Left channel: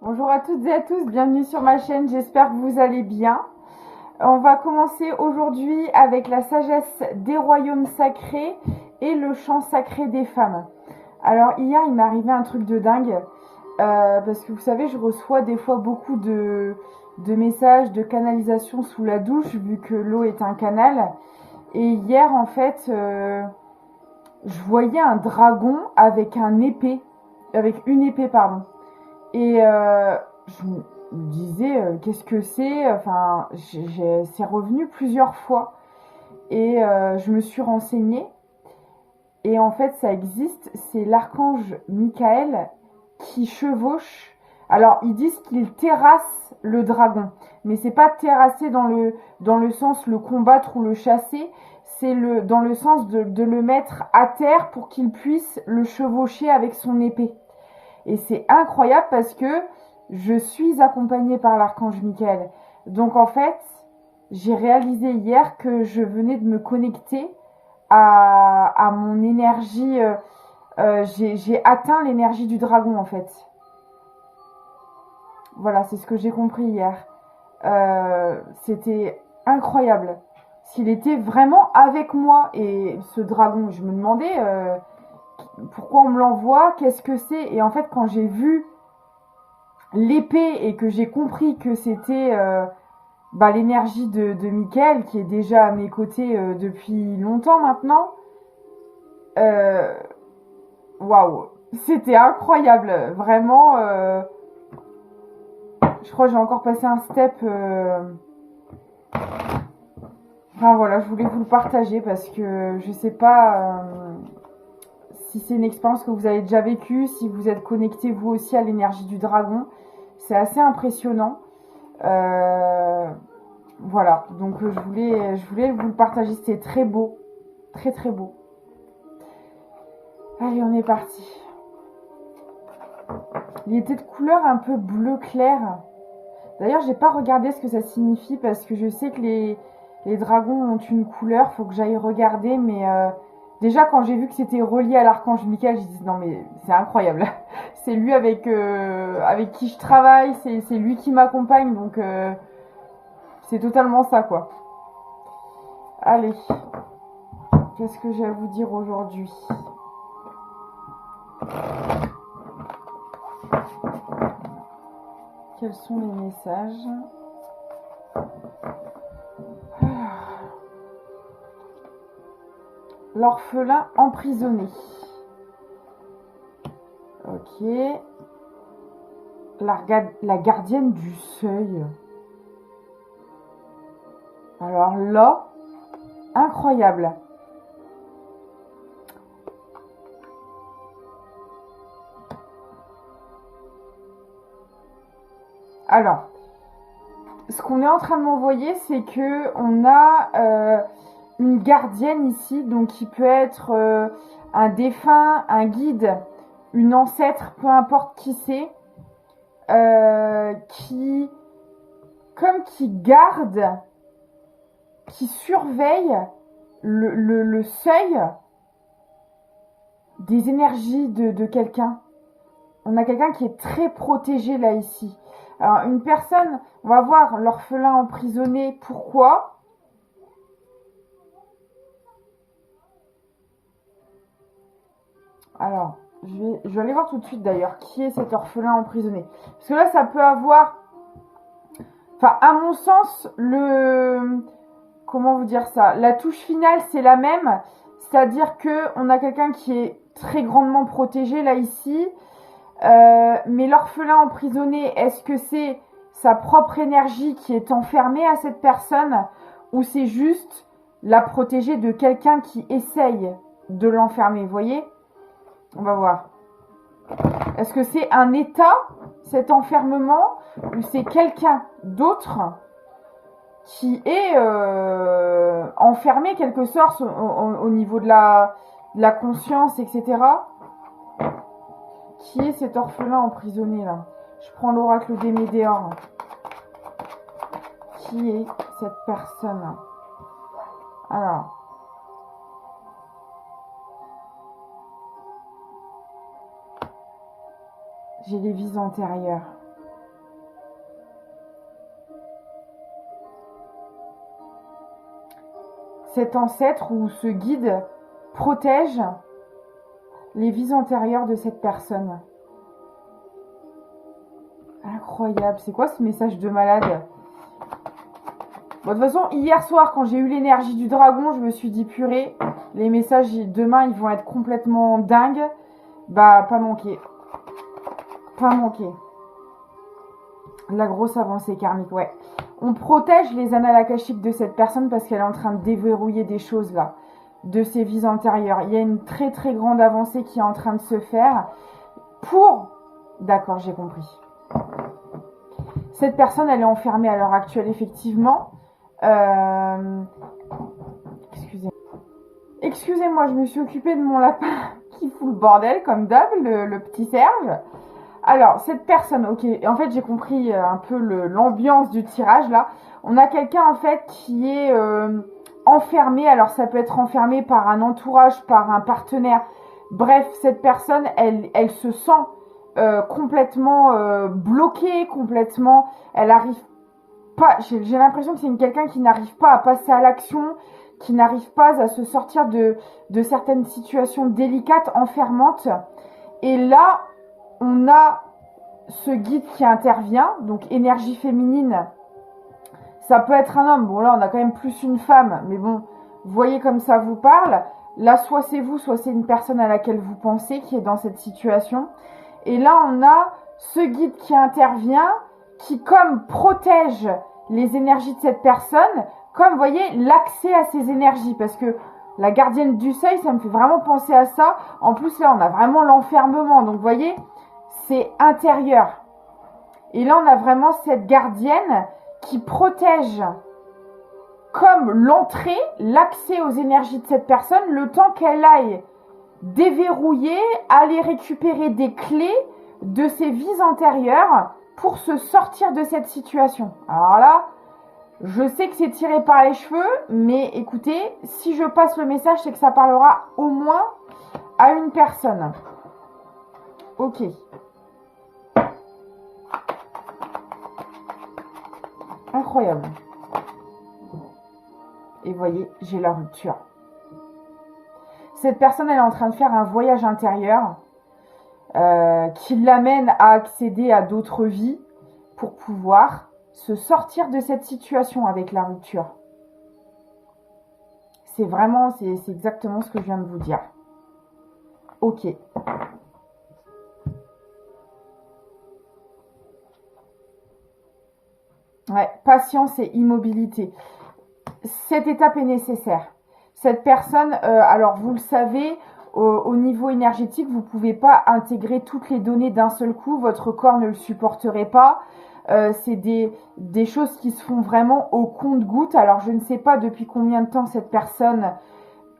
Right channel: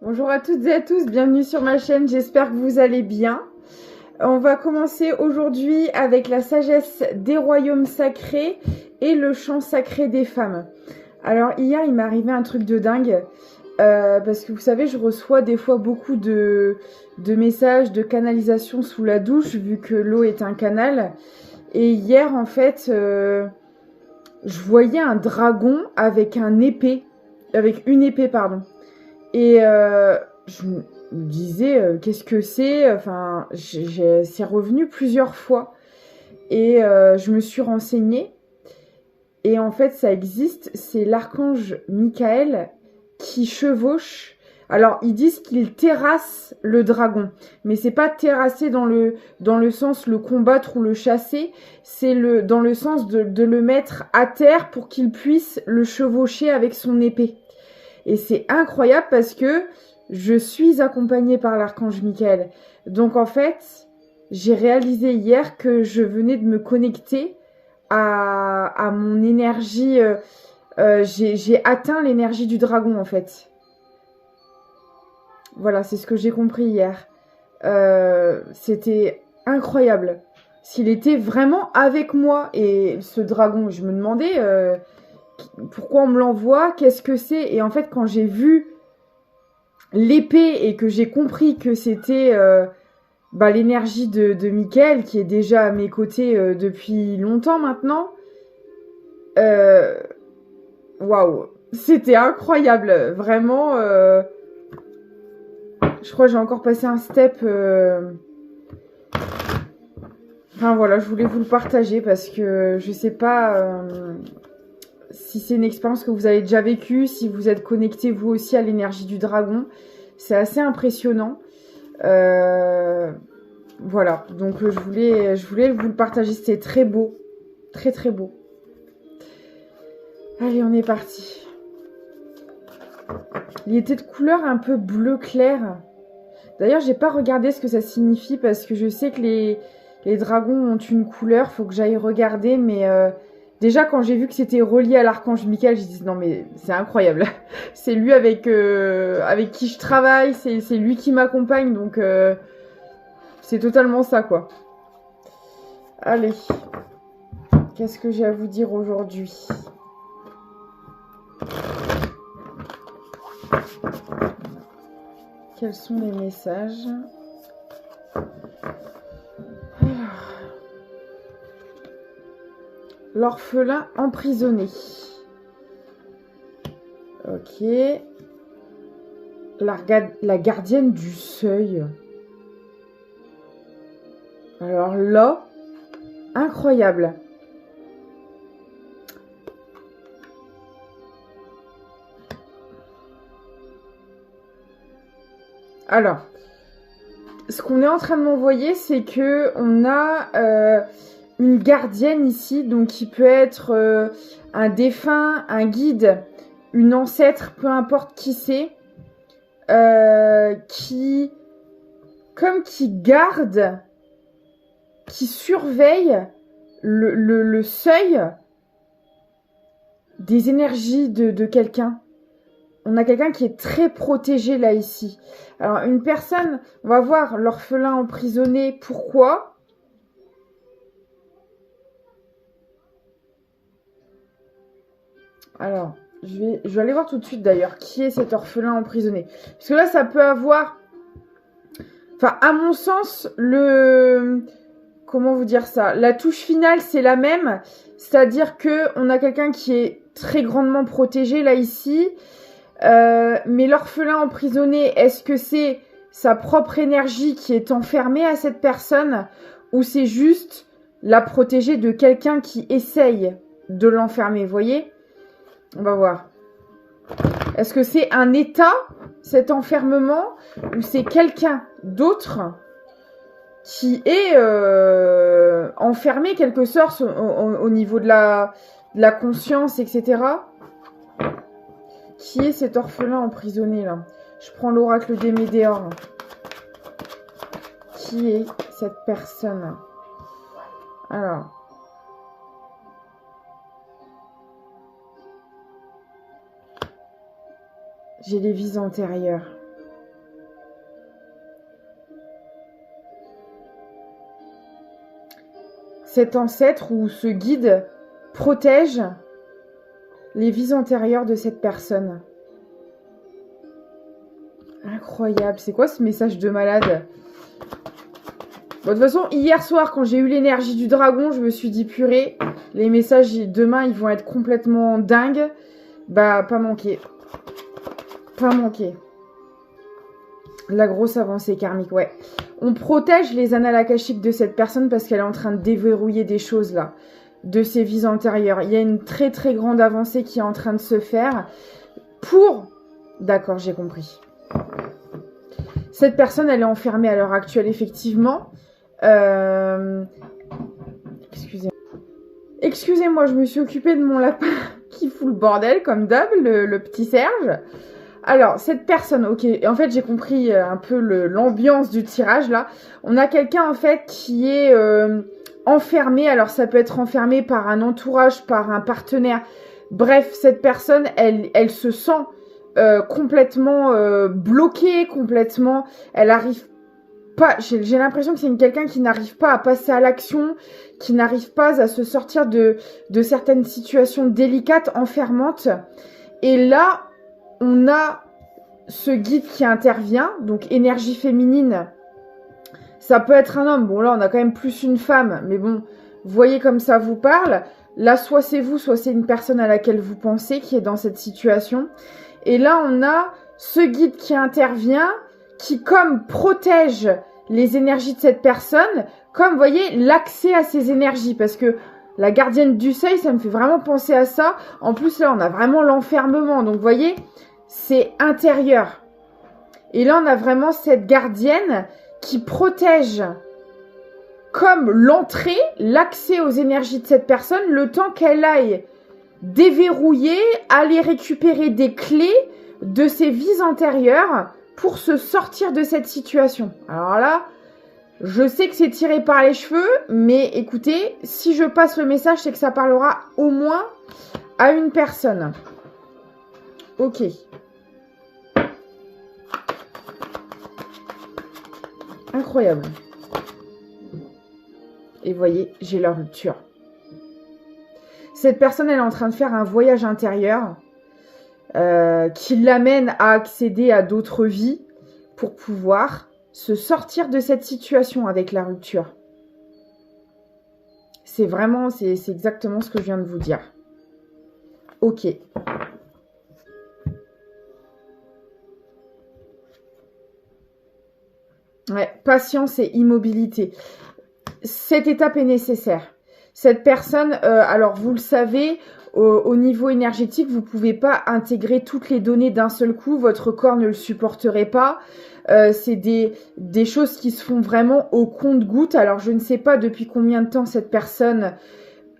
Bonjour à toutes et à tous, bienvenue sur ma chaîne, j'espère que vous allez bien. On va commencer aujourd'hui avec la sagesse des royaumes sacrés et le chant sacré des femmes. Alors hier il m'est arrivé un truc de dingue, parce que vous savez je reçois des fois beaucoup de messages de canalisation sous la douche vu que l'eau est un canal. Et hier en fait je voyais un dragon avec une épée pardon. Et je me disais, qu'est-ce que c'est? Enfin, c'est revenu plusieurs fois. Et je me suis renseignée. Et en fait, ça existe. C'est l'archange Michael qui chevauche. Alors, ils disent qu'il terrasse le dragon. Mais c'est pas terrasser dans le sens le combattre ou le chasser. C'est dans le sens de le mettre à terre pour qu'il puisse le chevaucher avec son épée. Et c'est incroyable parce que je suis accompagnée par l'archange Michael. Donc en fait, j'ai réalisé hier que je venais de me connecter à mon énergie. J'ai atteint l'énergie du dragon en fait. Voilà, c'est ce que j'ai compris hier. C'était incroyable. S'il était vraiment avec moi et ce dragon, je me demandais pourquoi on me l'envoie, qu'est-ce que c'est. Et en fait, quand j'ai vu l'épée et que j'ai compris que c'était l'énergie de Michael qui est déjà à mes côtés depuis longtemps maintenant. euh, Waouh, c'était incroyable, vraiment. Je crois que j'ai encore passé un step. Enfin voilà, je voulais vous le partager parce que je sais pas si c'est une expérience que vous avez déjà vécue, si vous êtes connecté vous aussi à l'énergie du dragon. C'est assez impressionnant. Voilà, donc je voulais vous le partager, c'était très beau, très très beau. Allez, on est parti. Il était de couleur un peu bleu clair. D'ailleurs, j'ai pas regardé ce que ça signifie parce que je sais que les dragons ont une couleur, faut que j'aille regarder, mais déjà quand j'ai vu que c'était relié à l'archange Michael, j'ai dit non mais c'est incroyable. C'est lui avec qui je travaille, c'est lui qui m'accompagne, donc c'est totalement ça quoi. Allez, qu'est-ce que j'ai à vous dire aujourd'hui? Quels sont les messages? L'orphelin emprisonné. Ok. La gardienne du seuil. Alors là, incroyable. Alors, ce qu'on est en train de m'envoyer, c'est que on a une gardienne ici, donc qui peut être un défunt, un guide, une ancêtre, peu importe qui c'est, qui garde, qui surveille le seuil des énergies de quelqu'un. On a quelqu'un qui est très protégé là ici. Alors une personne, on va voir l'orphelin emprisonné, pourquoi? Alors, je vais aller voir tout de suite d'ailleurs qui est cet orphelin emprisonné. Parce que là, ça peut avoir... Enfin, à mon sens, comment vous dire ça? La touche finale, c'est la même. C'est-à-dire qu'on a quelqu'un qui est très grandement protégé là ici. Mais l'orphelin emprisonné, est-ce que c'est sa propre énergie qui est enfermée à cette personne ou c'est juste la protéger de quelqu'un qui essaye de l'enfermer, vous voyez? On va voir. Est-ce que c'est un état, cet enfermement, ou c'est quelqu'un d'autre qui est enfermé quelque sorte au niveau de la conscience, etc. Qui est cet orphelin emprisonné là? Je prends l'oracle des Médéors. Qui est cette personne? Alors. J'ai les vies antérieures. cet ancêtre ou ce guide protège les vies antérieures de cette personne. Incroyable. C'est quoi ce message de malade? Bon, de toute façon, hier soir, quand j'ai eu l'énergie du dragon, je me suis dit, purée, les messages demain, ils vont être complètement dingues. Bah, pas manqué. Pas manqué. La grosse avancée karmique, ouais. On protège les annales akashiques de cette personne parce qu'elle est en train de déverrouiller des choses là, de ses vies antérieures. Il y a une très très grande avancée qui est en train de se faire pour... D'accord, j'ai compris. Cette personne, elle est enfermée à l'heure actuelle, effectivement. Excusez-moi, je me suis occupée de mon lapin qui fout le bordel, comme d'hab, le petit Serge. Alors, cette personne, ok, en fait, j'ai compris un peu l'ambiance du tirage, là. On a quelqu'un, en fait, qui est enfermé. Alors, ça peut être enfermé par un entourage, par un partenaire. Bref, cette personne, elle se sent complètement bloquée, complètement... Elle arrive pas... J'ai l'impression que c'est quelqu'un qui n'arrive pas à passer à l'action, qui n'arrive pas à se sortir de certaines situations délicates, enfermantes. Et là... On a ce guide qui intervient, donc énergie féminine. Ça peut être un homme. Bon, là, on a quand même plus une femme. Mais bon, voyez comme ça vous parle. Là, soit c'est vous, soit c'est une personne à laquelle vous pensez qui est dans cette situation. Et là, on a ce guide qui intervient, qui comme protège les énergies de cette personne, comme, vous voyez, l'accès à ces énergies. Parce que la gardienne du seuil, ça me fait vraiment penser à ça. En plus, là, on a vraiment l'enfermement. Donc, vous voyez... C'est intérieur. Et là, on a vraiment cette gardienne qui protège comme l'entrée, l'accès aux énergies de cette personne, le temps qu'elle aille déverrouiller, aller récupérer des clés de ses vies antérieures pour se sortir de cette situation. Alors là, je sais que c'est tiré par les cheveux, mais écoutez, si je passe le message, c'est que ça parlera au moins à une personne. Ok. Incroyable. Et voyez, j'ai la rupture. Cette personne, elle est en train de faire un voyage intérieur qui l'amène à accéder à d'autres vies pour pouvoir se sortir de cette situation avec la rupture. C'est vraiment, c'est exactement ce que je viens de vous dire. Ok. Ouais, patience et immobilité. Cette étape est nécessaire. Cette personne, alors vous le savez, au niveau énergétique, vous ne pouvez pas intégrer toutes les données d'un seul coup. Votre corps ne le supporterait pas. C'est des choses qui se font vraiment au compte-gouttes. Alors je ne sais pas depuis combien de temps cette personne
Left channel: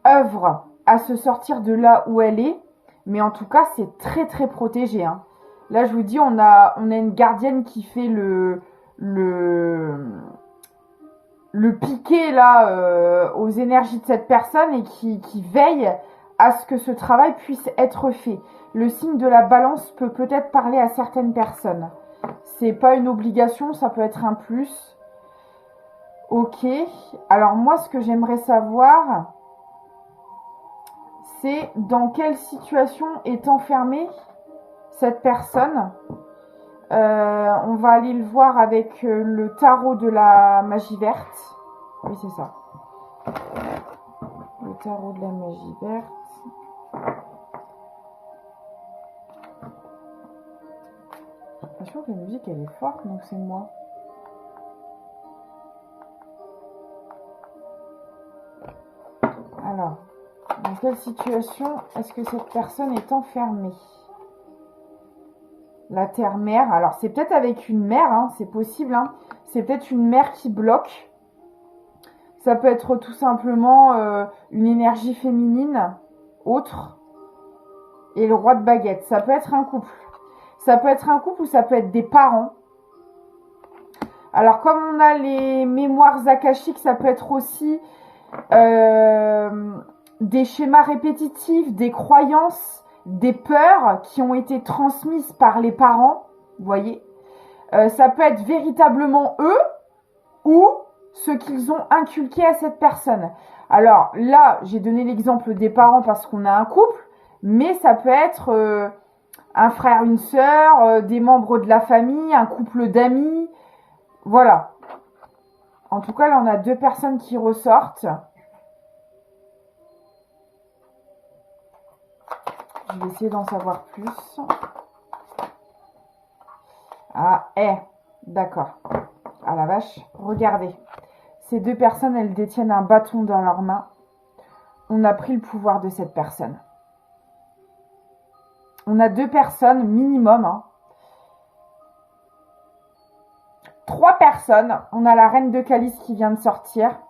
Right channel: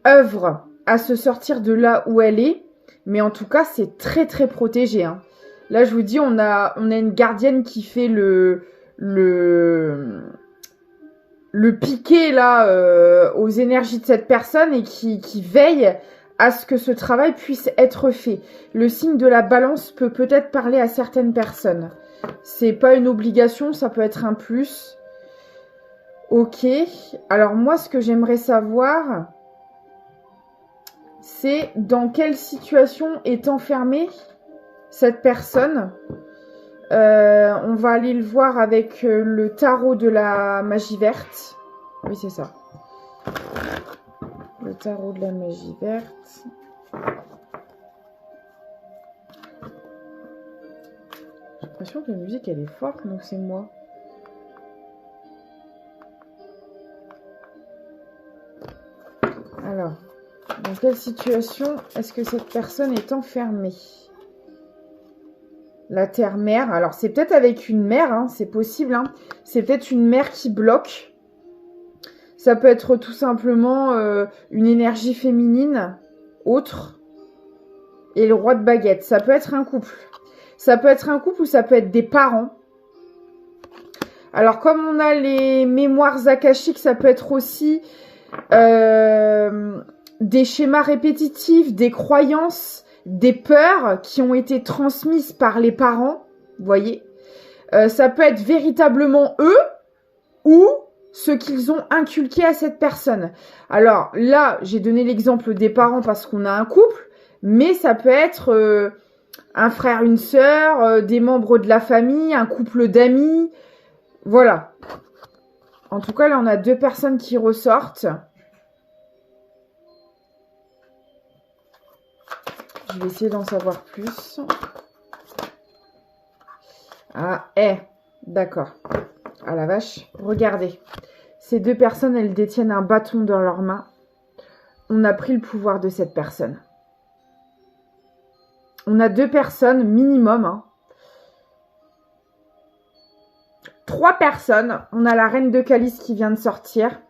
œuvre à se sortir de là où elle est. Mais en tout cas, c'est très très protégé. Hein. Là, je vous dis, on a une gardienne qui fait le piqué là aux énergies de cette personne et qui veille à ce que ce travail puisse être fait. Le signe de la balance peut peut-être parler à certaines personnes. C'est pas une obligation, ça peut être un plus. Ok. Alors moi, ce que j'aimerais savoir, c'est dans quelle situation est enfermée cette personne. On va aller le voir avec le tarot de la magie verte. Oui, c'est ça. Le tarot de la magie verte. J'ai l'impression que la musique, elle est forte, donc c'est moi. Alors, dans quelle situation est-ce que cette personne est enfermée ? La terre-mère, alors c'est peut-être avec une mère, hein, c'est possible, hein. C'est peut-être une mère qui bloque. Ça peut être tout simplement une énergie féminine, autre. Et le roi de baguette, ça peut être un couple. Ça peut être un couple ou ça peut être des parents. Alors comme on a les mémoires akashiques, ça peut être aussi des schémas répétitifs, des croyances, des peurs qui ont été transmises par les parents, vous voyez. Ça peut être véritablement eux ou ce qu'ils ont inculqué à cette personne. Alors là, j'ai donné l'exemple des parents parce qu'on a un couple, mais ça peut être un frère, une sœur, des membres de la famille, un couple d'amis. Voilà. En tout cas, là, on a 2 personnes qui ressortent. Je vais essayer d'en savoir plus. Ah, d'accord. Ah la vache, regardez. Ces 2 personnes, elles détiennent un bâton dans leurs mains. On a pris le pouvoir de cette personne. On a 2 personnes minimum. Hein. 3 personnes. On a la reine de calice qui vient de sortir.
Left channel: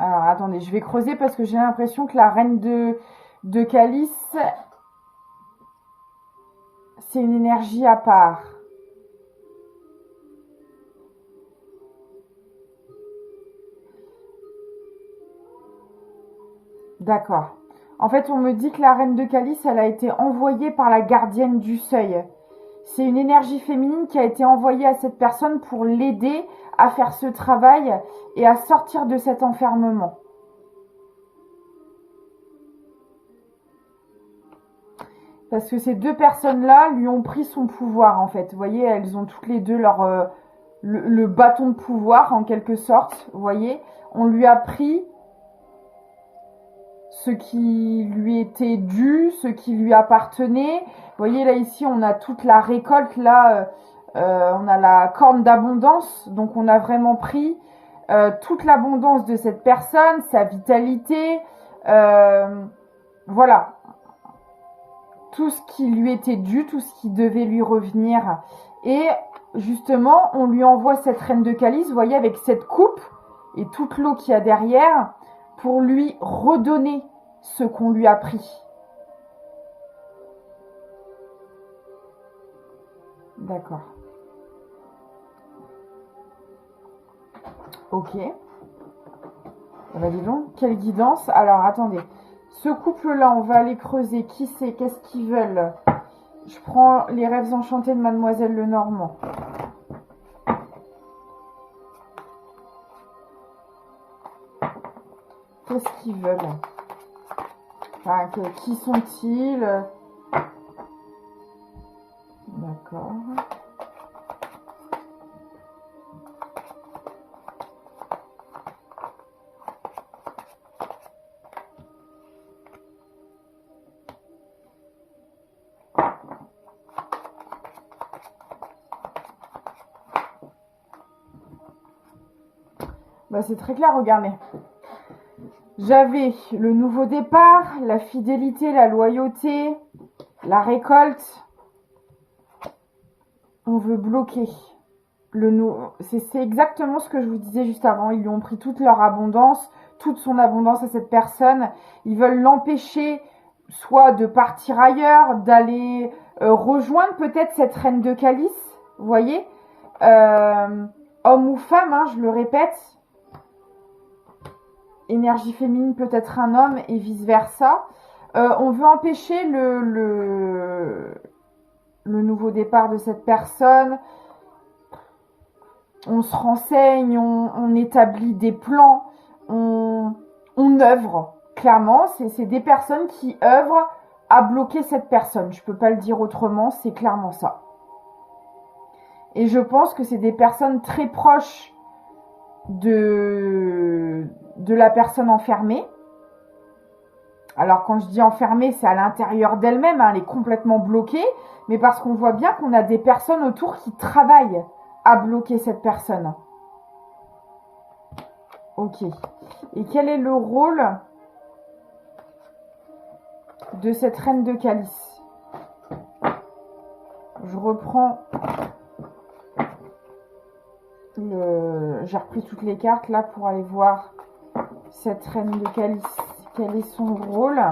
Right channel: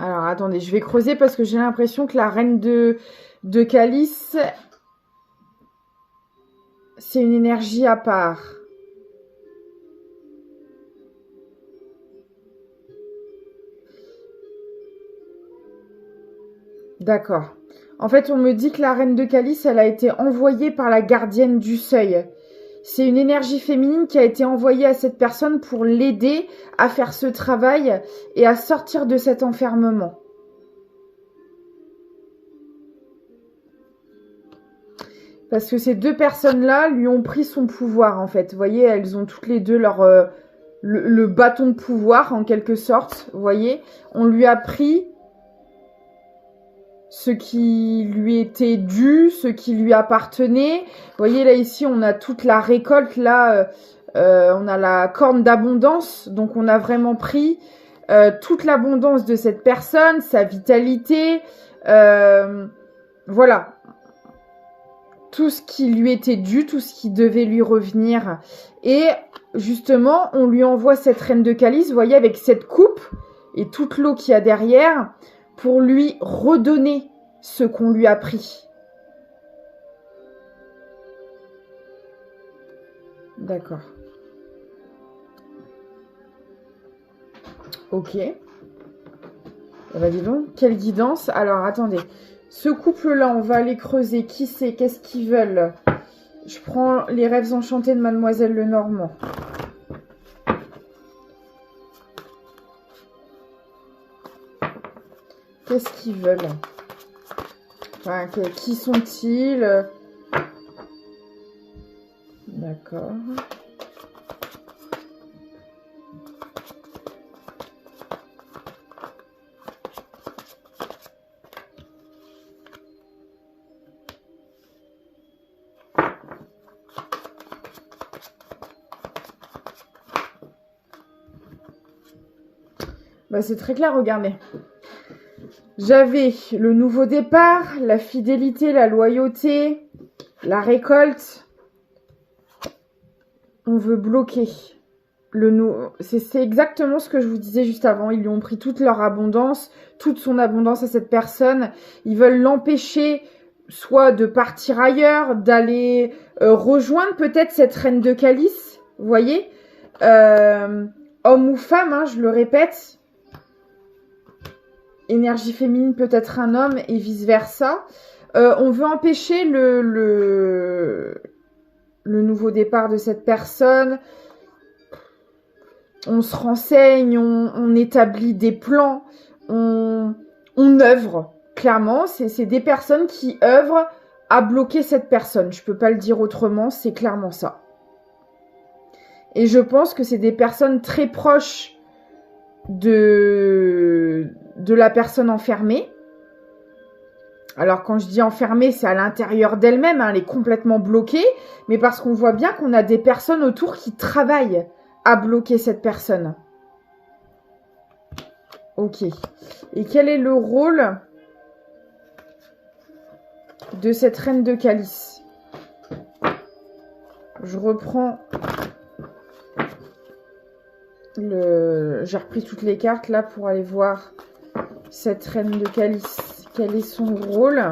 Alors, attendez, je vais creuser parce que j'ai l'impression que la reine de calice, c'est une énergie à part. D'accord. En fait, on me dit que la reine de calice, elle a été envoyée par la gardienne du seuil. C'est une énergie féminine qui a été envoyée à cette personne pour l'aider à faire ce travail et à sortir de cet enfermement. Parce que ces 2 personnes-là lui ont pris son pouvoir, en fait. Vous voyez, elles ont toutes les 2 leur le bâton de pouvoir, en quelque sorte. Vous voyez, on lui a pris ce qui lui était dû, ce qui lui appartenait. Vous voyez, là, ici, on a toute la récolte. Là, on a la corne d'abondance. Donc, on a vraiment pris toute l'abondance de cette personne, sa vitalité. Voilà. Tout ce qui lui était dû, tout ce qui devait lui revenir. Et justement, on lui envoie cette reine de calice, vous voyez, avec cette coupe et toute l'eau qu'il y a derrière, pour lui redonner ce qu'on lui a pris. D'accord. Ok. Eh ben dis donc, quelle guidance. Alors, attendez. Ce couple-là, on va aller creuser. Qui c'est? Qu'est-ce qu'ils veulent? Je prends les rêves enchantés de Mademoiselle Lenormand. Qu'est-ce qu'ils veulent? Enfin, qui sont-ils? D'accord. Bah, c'est très clair, regardez. J'avais le nouveau départ, la fidélité, la loyauté, la récolte. On veut bloquer. C'est exactement ce que je vous disais juste avant. Ils lui ont pris toute leur abondance, toute son abondance à cette personne. Ils veulent l'empêcher soit de partir ailleurs, d'aller rejoindre peut-être cette reine de calice. Vous voyez, homme ou femme, hein, je le répète. Énergie féminine peut être un homme et vice versa. On veut empêcher le nouveau départ de cette personne. On se renseigne, on établit des plans, on œuvre. Clairement, c'est des personnes qui œuvrent à bloquer cette personne. Je ne peux pas le dire autrement, c'est clairement ça. Et je pense que c'est des personnes très proches de la personne enfermée. Alors quand je dis enfermée, c'est à l'intérieur d'elle-même, hein, elle est complètement bloquée, mais parce qu'on voit bien qu'on a des personnes autour qui travaillent à bloquer cette personne. Ok. Et quel est le rôle de cette reine de calice? Je reprends j'ai repris toutes les cartes là pour aller voir cette reine de calice. Quel est son rôle?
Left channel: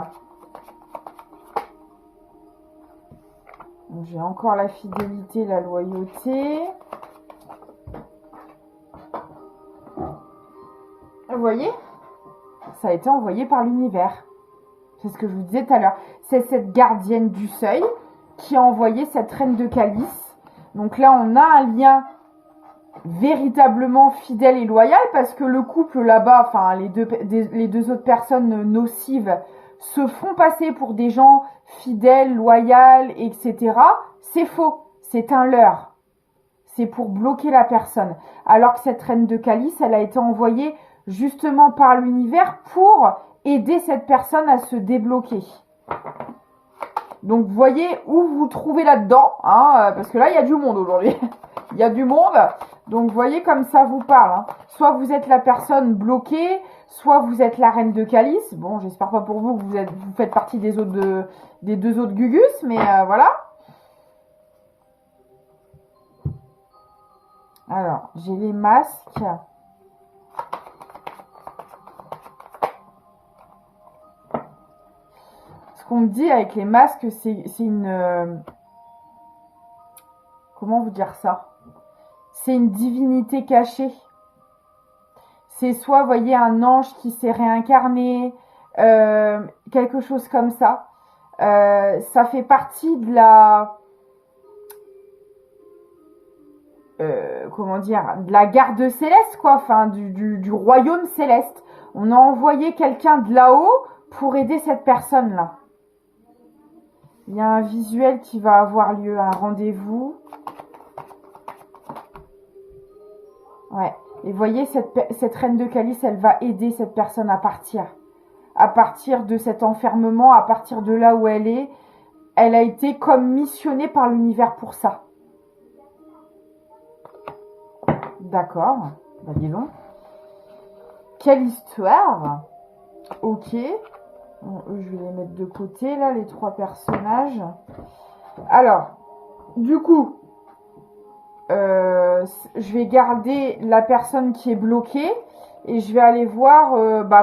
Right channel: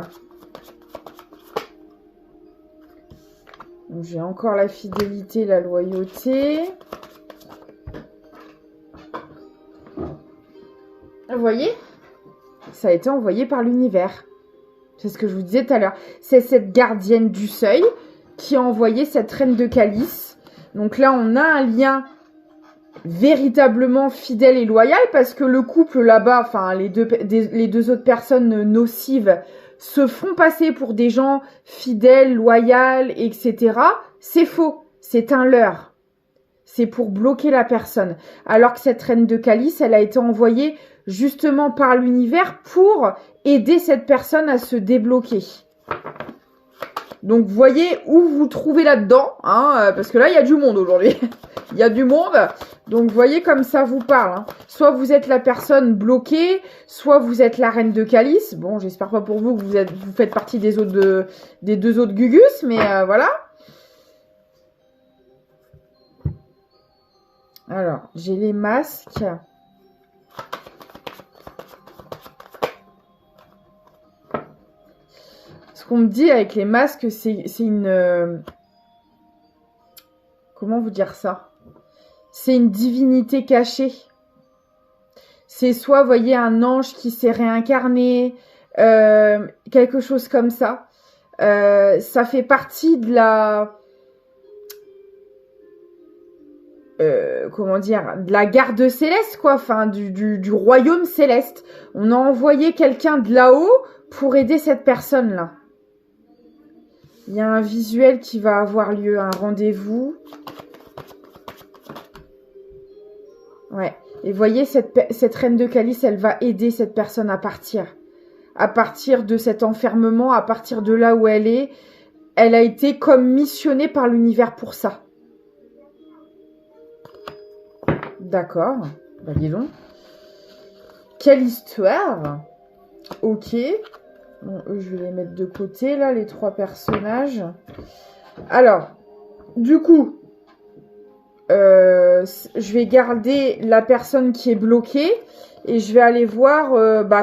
J'ai encore la fidélité, la loyauté. Vous voyez? Ça a été envoyé par l'univers. C'est ce que je vous disais tout à l'heure. C'est cette gardienne du seuil qui a envoyé cette reine de calice. Donc là, on a un lien véritablement fidèle et loyal parce que le couple là-bas, enfin les deux autres personnes nocives se font passer pour des gens fidèles, loyaux, etc. C'est faux, c'est un leurre. C'est pour bloquer la personne. Alors que cette reine de calice, elle a été envoyée justement par l'univers pour aider cette personne à se débloquer. Donc, vous voyez où vous vous trouvez là-dedans, hein, parce que là, il y a du monde aujourd'hui. Il y a du monde. Donc, vous voyez comme ça vous parle. Hein. Soit vous êtes la personne bloquée, soit vous êtes la reine de calice. Bon, j'espère pas pour vous que vous faites partie des deux autres Gugus, mais voilà. Alors, j'ai les masques. Ce qu'on me dit avec les masques, c'est une... comment vous dire ça? C'est une divinité cachée. C'est soit, vous voyez, un ange qui s'est réincarné, quelque chose comme ça. Ça fait partie de la... comment dire, de la garde céleste, quoi, enfin, du royaume céleste. On a envoyé quelqu'un de là-haut pour aider cette personne-là. Il y a un visuel qui va avoir lieu, un rendez-vous. Ouais. Et vous voyez, cette reine de calice, elle va aider cette personne à partir. À partir de cet enfermement, à partir de là où elle est. Elle a été comme missionnée par l'univers pour ça. D'accord. Bah, dis donc. Quelle histoire. Ok. Bon, eux, je vais les mettre de côté, là, les trois personnages. Alors, du coup, je vais garder la personne qui est bloquée et je vais aller voir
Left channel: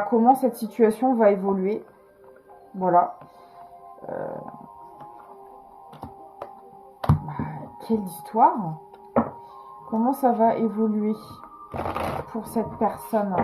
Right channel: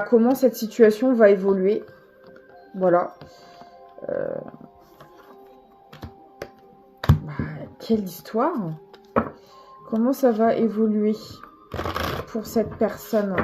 comment cette situation va évoluer. Voilà. Quelle histoire. Comment ça va évoluer pour cette personne ?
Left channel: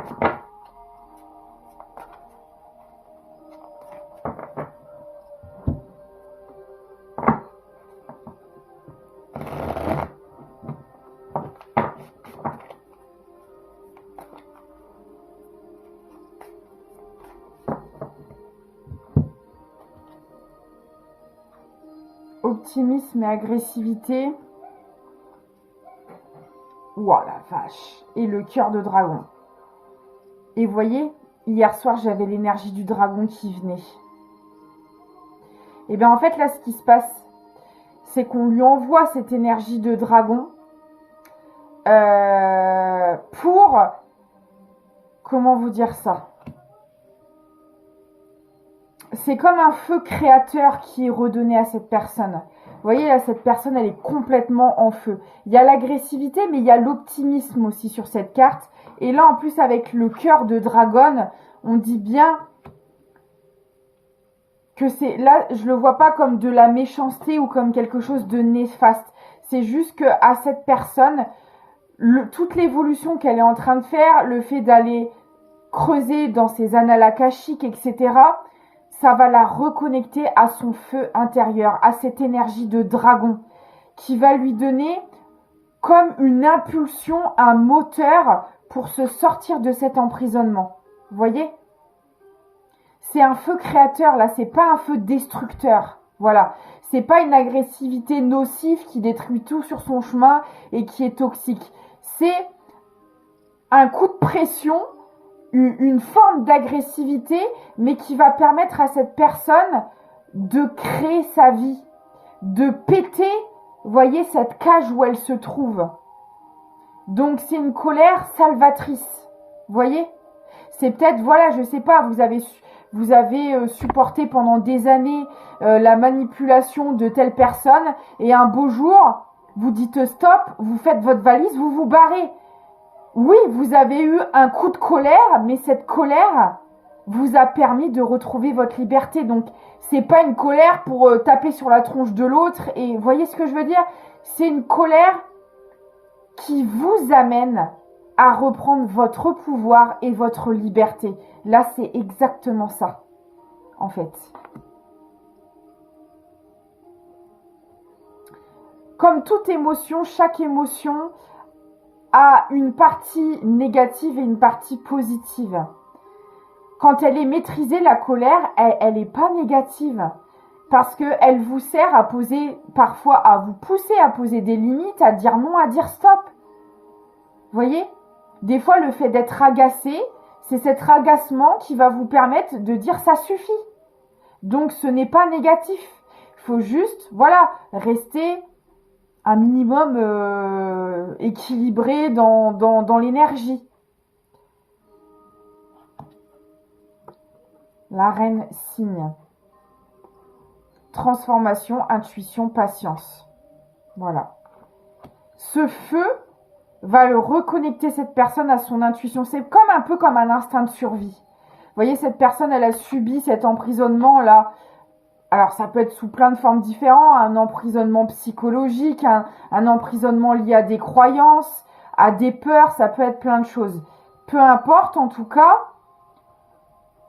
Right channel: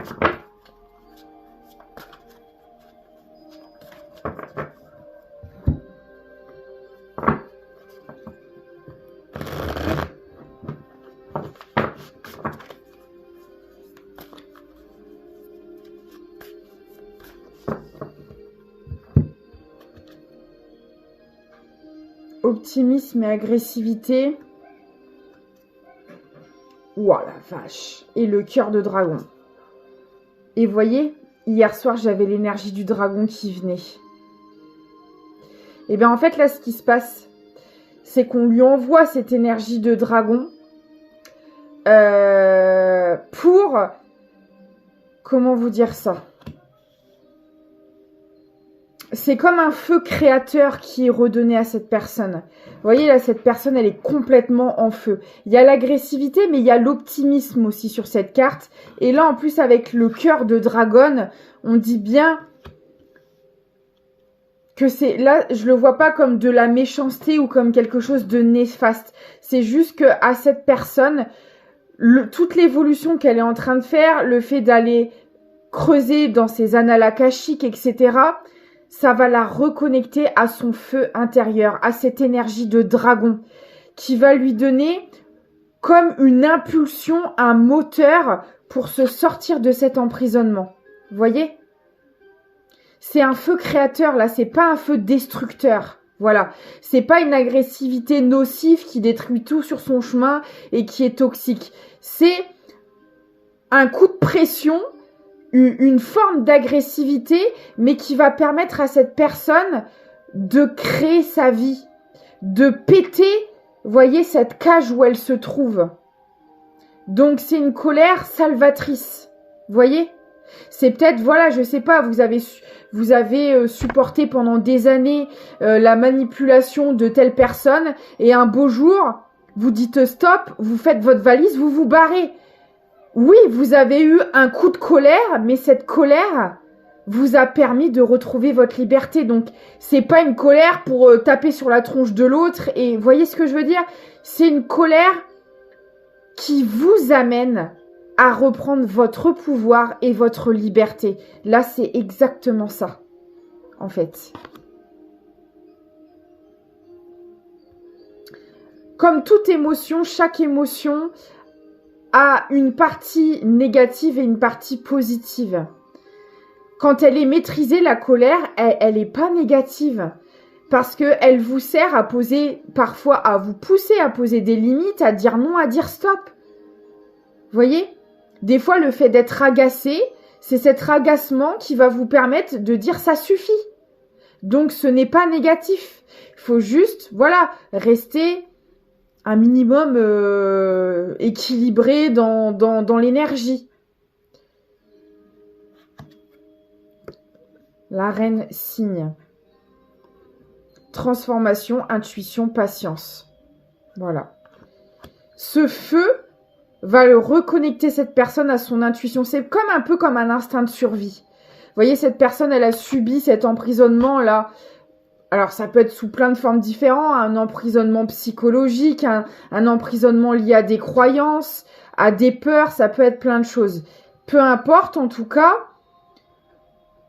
Optimisme et agressivité. Ouah la vache. Et le cœur de dragon. Et vous voyez, hier soir, j'avais l'énergie du dragon qui venait. Et bien en fait, là, ce qui se passe, c'est qu'on lui envoie cette énergie de dragon pour... Comment vous dire ça ? C'est comme un feu créateur qui est redonné à cette personne. Vous voyez, là, cette personne, elle est complètement en feu. Il y a l'agressivité, mais il y a l'optimisme aussi sur cette carte. Et là, en plus, avec le cœur de dragon, on dit bien que c'est... Là, je le vois pas comme de la méchanceté ou comme quelque chose de néfaste. C'est juste que à cette personne, toute l'évolution qu'elle est en train de faire, le fait d'aller creuser dans ses annales akashiques, etc., ça va la reconnecter à son feu intérieur, à cette énergie de dragon qui va lui donner comme une impulsion, un moteur pour se sortir de cet emprisonnement. Vous voyez ? C'est un feu créateur là, c'est pas un feu destructeur. Voilà, c'est pas une agressivité nocive qui détruit tout sur son chemin et qui est toxique. C'est un coup de pression, une forme d'agressivité, mais qui va permettre à cette personne de créer sa vie, de péter, voyez, cette cage où elle se trouve. Donc, c'est une colère salvatrice, voyez. C'est peut-être, voilà, je sais pas, vous avez supporté pendant des années la manipulation de telle personne, et un beau jour, vous dites stop, vous faites votre valise, vous vous barrez. Oui, vous avez eu un coup de colère, mais cette colère vous a permis de retrouver votre liberté. Donc, c'est pas une colère pour taper sur la tronche de l'autre. Et voyez ce que je veux dire ? C'est une colère qui vous amène à reprendre votre pouvoir et votre liberté. Là, c'est exactement ça, en fait. comme toute émotion, chaque émotion a une partie négative et une partie positive. Quand elle est maîtrisée, la colère, elle n'est pas négative. Parce qu'elle vous sert à poser, parfois à vous pousser à poser des limites, à dire non, à dire stop. Vous voyez? Des fois, le fait d'être agacé, c'est cet agacement qui va vous permettre de dire ça suffit. Donc, ce n'est pas négatif. Il faut juste, voilà, rester un minimum équilibré dans l'énergie. La reine cygne. Transformation, intuition, patience. Voilà. Ce feu va le reconnecter cette personne à son intuition. C'est comme un peu comme un instinct de survie. Vous voyez, cette personne, elle a subi cet emprisonnement-là. Alors, ça peut être sous plein de formes différentes. Un emprisonnement psychologique, un emprisonnement lié à des croyances, à des peurs. Ça peut être plein de choses. Peu importe, en tout cas,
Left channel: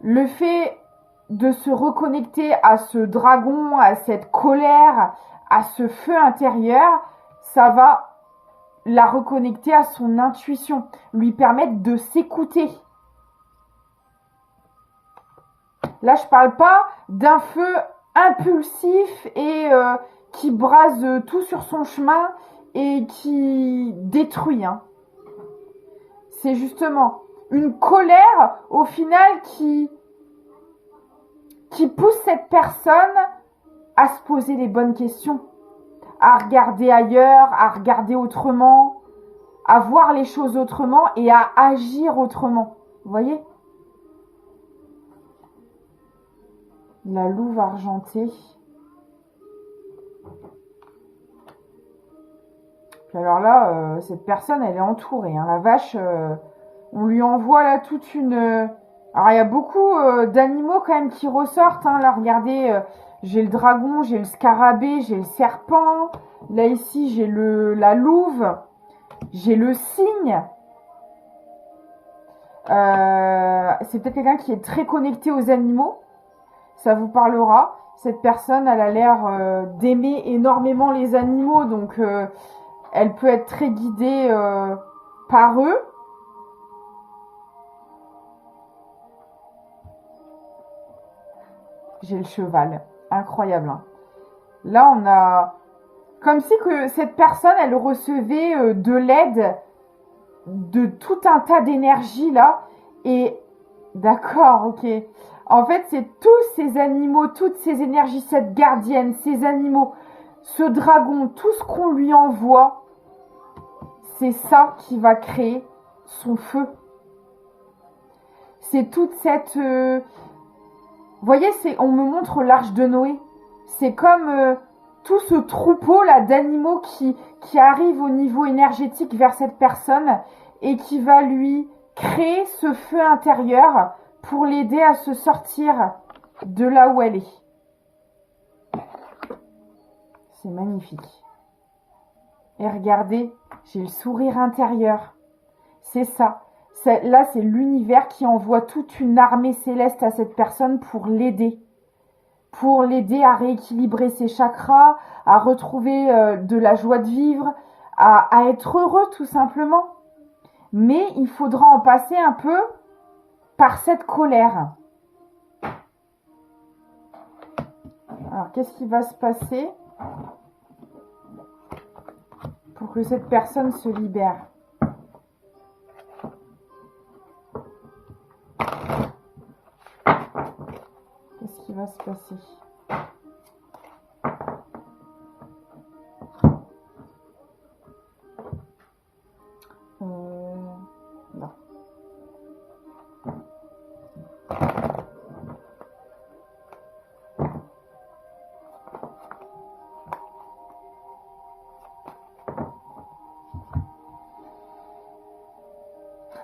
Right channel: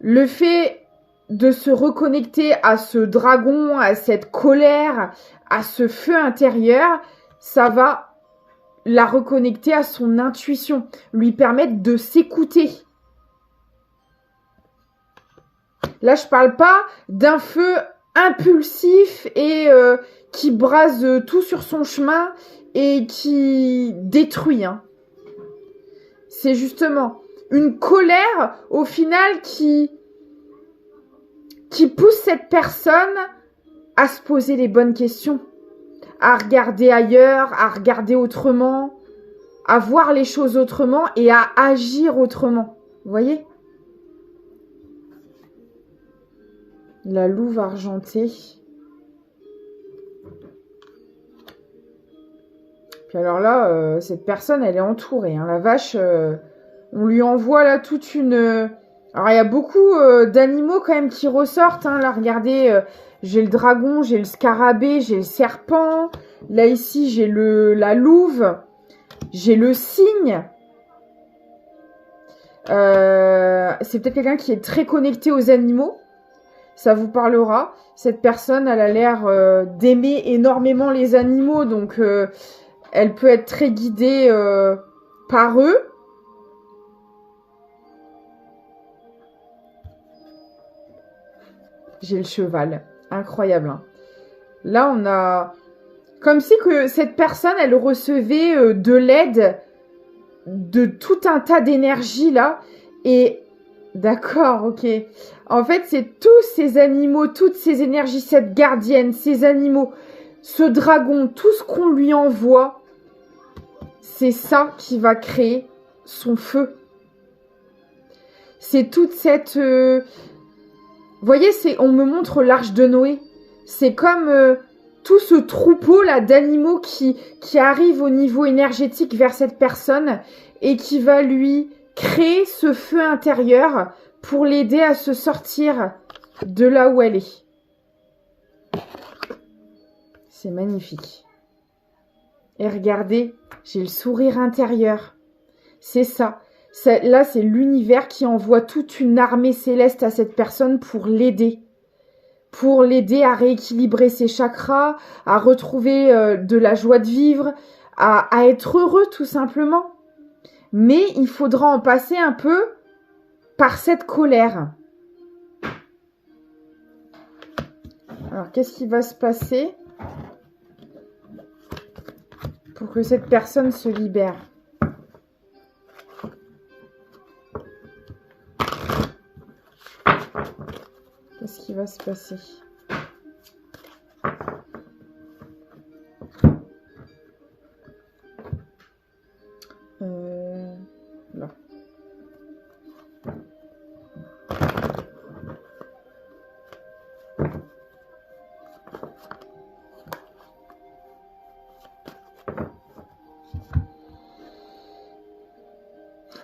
le fait de se reconnecter à ce dragon, à cette colère, à ce feu intérieur, ça va la reconnecter à son intuition, lui permettre de s'écouter. Là, je parle pas d'un feu impulsif et qui brase tout sur son chemin et qui détruit. Hein. C'est justement une colère, au final, qui pousse cette personne à se poser les bonnes questions, à regarder ailleurs, à regarder autrement, à voir les choses autrement et à agir autrement. Vous voyez? La louve argentée. Puis alors là, cette personne, elle est entourée. Hein. La vache, on lui envoie là toute une... Alors, il y a beaucoup d'animaux quand même qui ressortent. Hein. Là, regardez, j'ai le dragon, j'ai le scarabée, j'ai le serpent. Là, ici, j'ai la louve. J'ai le cygne. C'est peut-être quelqu'un qui est très connecté aux animaux. Ça vous parlera. Cette personne, elle a l'air d'aimer énormément les animaux. Donc, elle peut être très guidée par eux. J'ai le cheval. Incroyable. Hein. Là, on a... Comme si que cette personne, elle recevait de l'aide de tout un tas d'énergie, là. Et... D'accord, ok. En fait, c'est tous ces animaux, toutes ces énergies, cette gardienne, ces animaux, ce dragon, tout ce qu'on lui envoie, c'est ça qui va créer son feu. C'est toute cette... Vous voyez, on me montre l'arche de Noé. C'est comme tout ce troupeau là d'animaux qui arrive au niveau énergétique vers cette personne et qui va lui créer ce feu intérieur pour l'aider à se sortir de là où elle est. C'est magnifique. Et regardez, j'ai le sourire intérieur. C'est ça. Là, c'est l'univers qui envoie toute une armée céleste à cette personne pour l'aider. Pour l'aider à rééquilibrer ses chakras, à retrouver de la joie de vivre, à être heureux tout simplement. Mais il faudra en passer un peu par cette colère. Alors, qu'est-ce qui va se passer pour que cette personne se libère ? Qu'est-ce qui va se passer ? Là.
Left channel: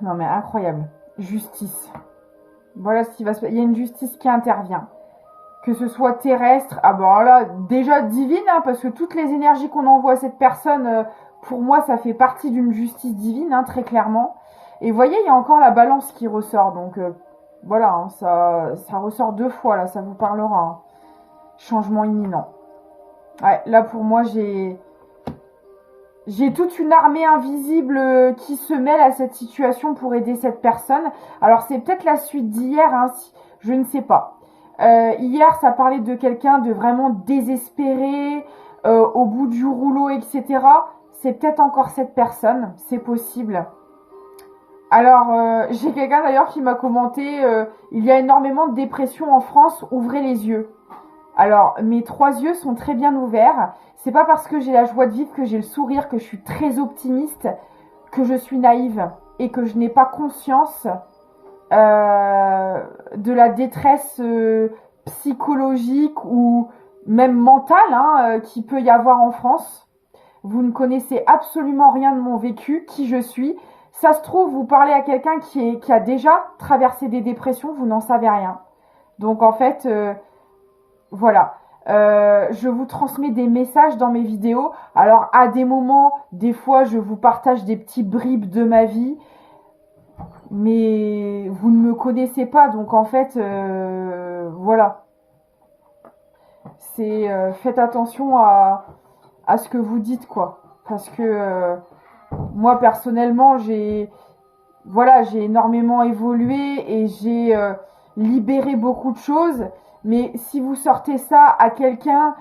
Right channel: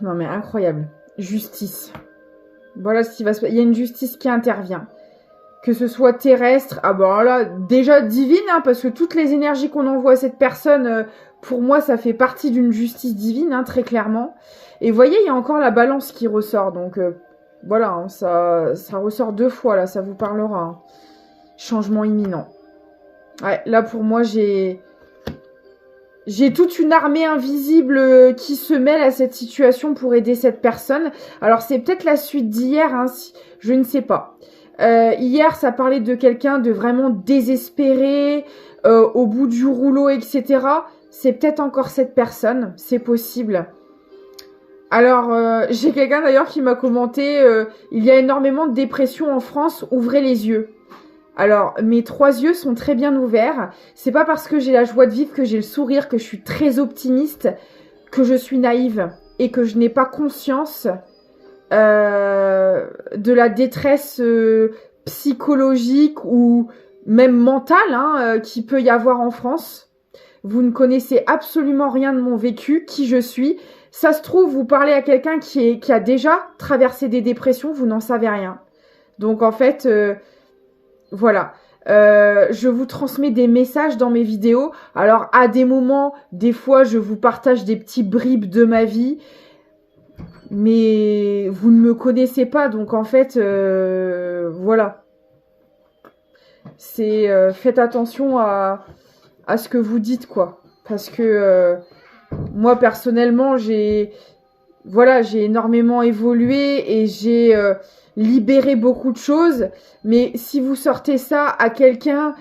Non mais incroyable. Justice. Voilà ce qui va se passer. Il y a une justice qui intervient. Que ce soit terrestre, ah ben là, déjà divine, hein, parce que toutes les énergies qu'on envoie à cette personne, pour moi, ça fait partie d'une justice divine, hein, très clairement. Et vous voyez, il y a encore la balance qui ressort. Donc voilà, hein, ça ressort 2 fois, là, ça vous parlera. Hein. Changement imminent. Ouais, là, pour moi, j'ai j'ai toute une armée invisible qui se mêle à cette situation pour aider cette personne. Alors c'est peut-être la suite d'hier, hein, je ne sais pas. Hier, ça parlait de quelqu'un de vraiment désespéré, au bout du rouleau, etc. C'est peut-être encore cette personne, c'est possible. Alors, j'ai quelqu'un d'ailleurs qui m'a commenté il y a énormément de dépression en France, ouvrez les yeux. Alors, mes 3 yeux sont très bien ouverts. C'est pas parce que j'ai la joie de vivre, que j'ai le sourire, que je suis très optimiste, que je suis naïve et que je n'ai pas conscience de la détresse psychologique ou même mentale hein, qu'il peut y avoir en France. Vous ne connaissez absolument rien de mon vécu, qui je suis. Ça se trouve, vous parlez à quelqu'un qui a déjà traversé des dépressions, vous n'en savez rien. Donc en fait, voilà. Je vous transmets des messages dans mes vidéos. Alors à des moments, des fois, je vous partage des petits bribes de ma vie. Mais vous ne me connaissez pas, donc en fait, voilà. C'est faites attention à ce que vous dites, quoi. Parce que moi, personnellement, j'ai énormément évolué et j'ai libéré beaucoup de choses. Mais si vous sortez ça à quelqu'un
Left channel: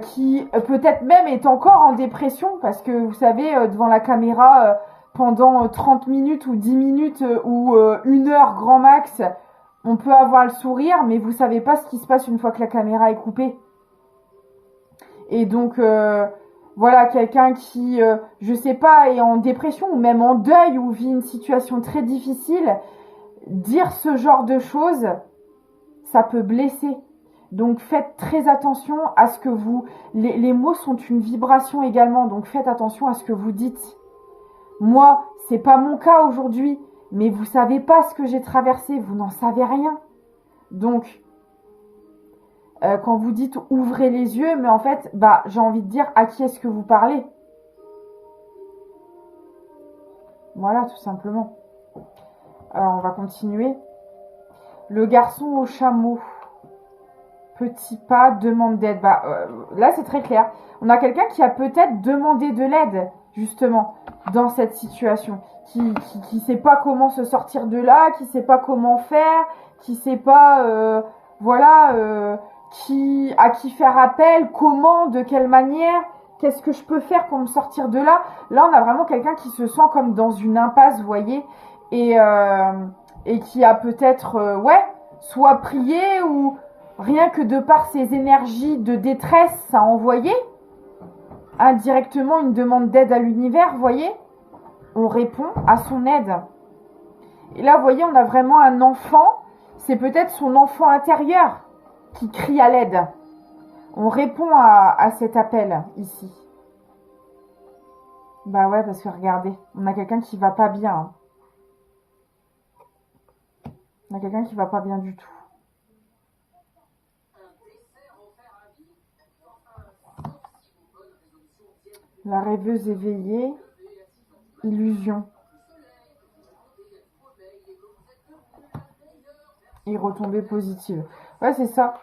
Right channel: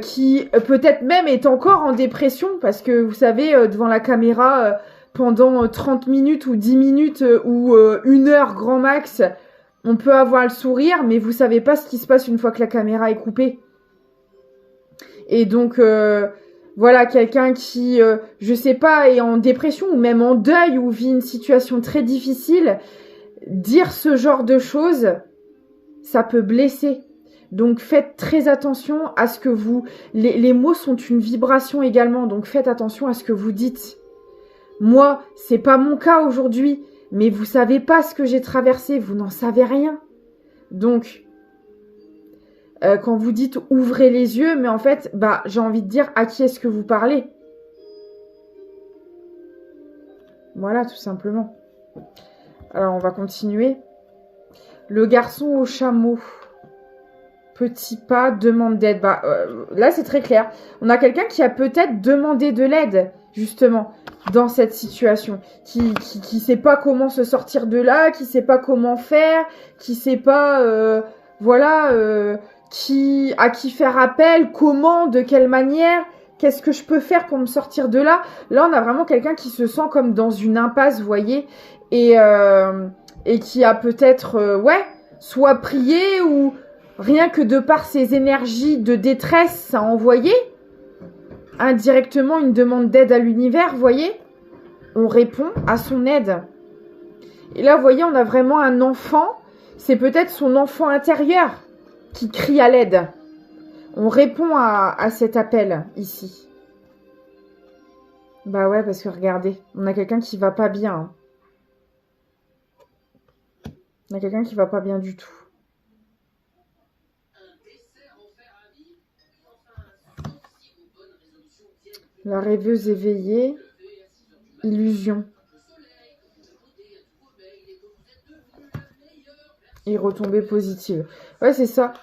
qui peut-être même est encore en dépression, parce que vous savez, devant la caméra, pendant 30 minutes ou 10 minutes ou 1 heure grand max, on peut avoir le sourire, mais vous savez pas ce qui se passe une fois que la caméra est coupée. Et donc, voilà, quelqu'un qui, je sais pas, est en dépression ou même en deuil ou vit une situation très difficile, dire ce genre de choses, ça peut blesser. Donc faites très attention à ce que vous... Les mots sont une vibration également, donc faites attention à ce que vous dites. Moi, c'est pas mon cas aujourd'hui, mais vous savez pas ce que j'ai traversé, vous n'en savez rien. Donc, quand vous dites ouvrez les yeux, mais en fait, j'ai envie de dire à qui est-ce que vous parlez? Voilà, tout simplement. Alors, on va continuer. Le garçon au chameau. Petit pas, demande d'aide. Là, c'est très clair. On a quelqu'un qui a peut-être demandé de l'aide, justement, dans cette situation. Qui sait pas comment se sortir de là, qui sait pas comment faire, qui sait pas, à qui faire appel, comment, de quelle manière, qu'est-ce que je peux faire pour me sortir de là. Là, on a vraiment quelqu'un qui se sent comme dans une impasse, vous voyez, et qui a peut-être, soit prié ou... Rien que de par ses énergies de détresse, ça a envoyé indirectement une demande d'aide à l'univers, vous voyez. On répond à son aide. Et là, vous voyez, on a vraiment un enfant. C'est peut-être son enfant intérieur qui crie à l'aide. On répond à cet appel ici. Bah ouais, parce que regardez, on a quelqu'un qui va pas bien. Hein. On a quelqu'un qui va pas bien du tout. La rêveuse éveillée, illusion. Et retombée positive. Ouais, c'est ça.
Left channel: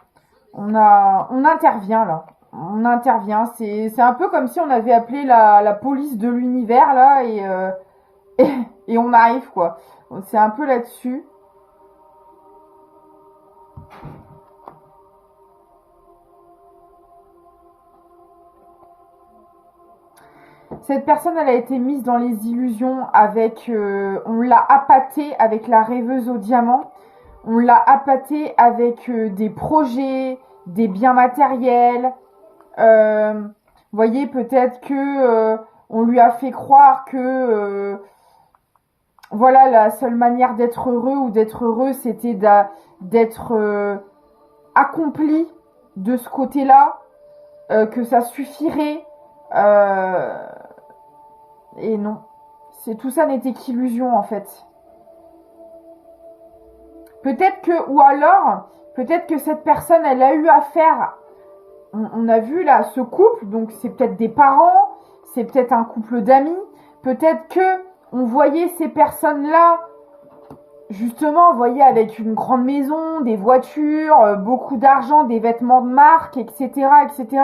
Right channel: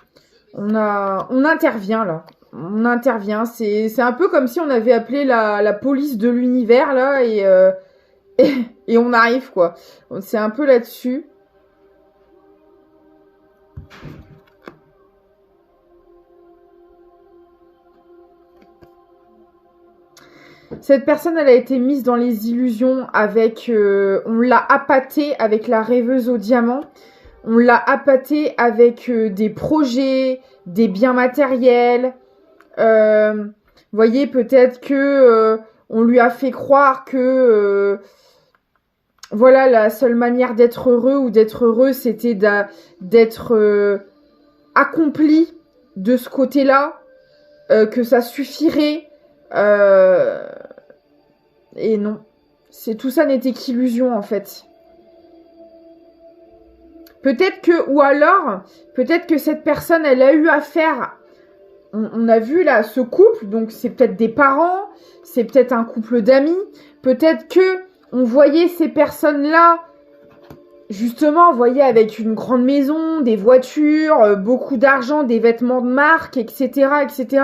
On intervient là. On intervient. C'est un peu comme si on avait appelé la police de l'univers là et on arrive quoi. C'est un peu là-dessus. Cette personne, elle a été mise dans les illusions avec... on l'a appâtée avec la rêveuse au diamant. On l'a appâtée avec des projets, des biens matériels. Vous voyez, peut-être que on lui a fait croire que... voilà, la seule manière d'être heureux ou d'être heureux, c'était d'être accompli de ce côté-là. Que ça suffirait... et non, tout ça n'était qu'illusion en fait. Peut-être que, ou alors, peut-être que cette personne, elle a eu affaire, on a vu là ce couple, donc c'est peut-être des parents, c'est peut-être un couple d'amis, peut-être que on voyait ces personnes-là, justement, vous voyez, avec une grande maison, des voitures, beaucoup d'argent, des vêtements de marque, etc., etc.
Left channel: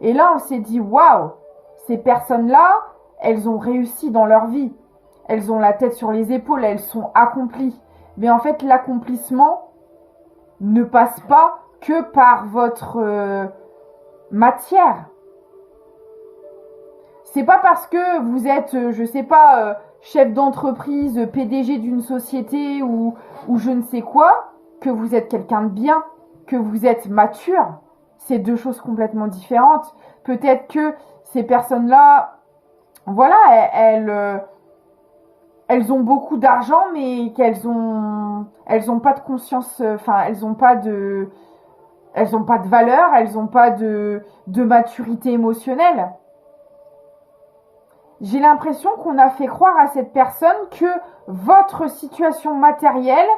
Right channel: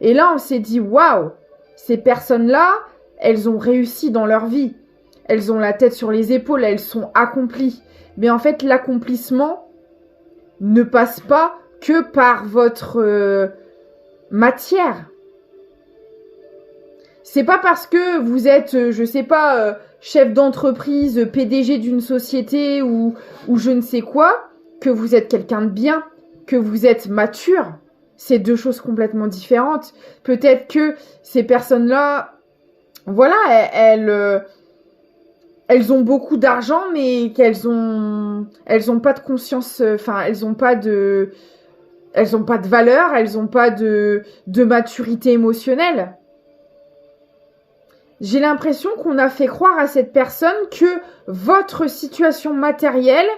Et là, on s'est dit, waouh, ces personnes-là, elles ont réussi dans leur vie. Elles ont la tête sur les épaules, elles sont accomplies. Mais en fait, l'accomplissement ne passe pas que par votre matière. C'est pas parce que vous êtes, je sais pas, chef d'entreprise, PDG d'une société ou je ne sais quoi, que vous êtes quelqu'un de bien, que vous êtes mature. C'est deux choses complètement différentes. Peut-être que ces personnes-là, voilà, elles ont beaucoup d'argent, mais elles ont pas de conscience, enfin, elles ont pas de valeur, elles ont pas de maturité émotionnelle. J'ai l'impression qu'on a fait croire à cette personne que votre situation matérielle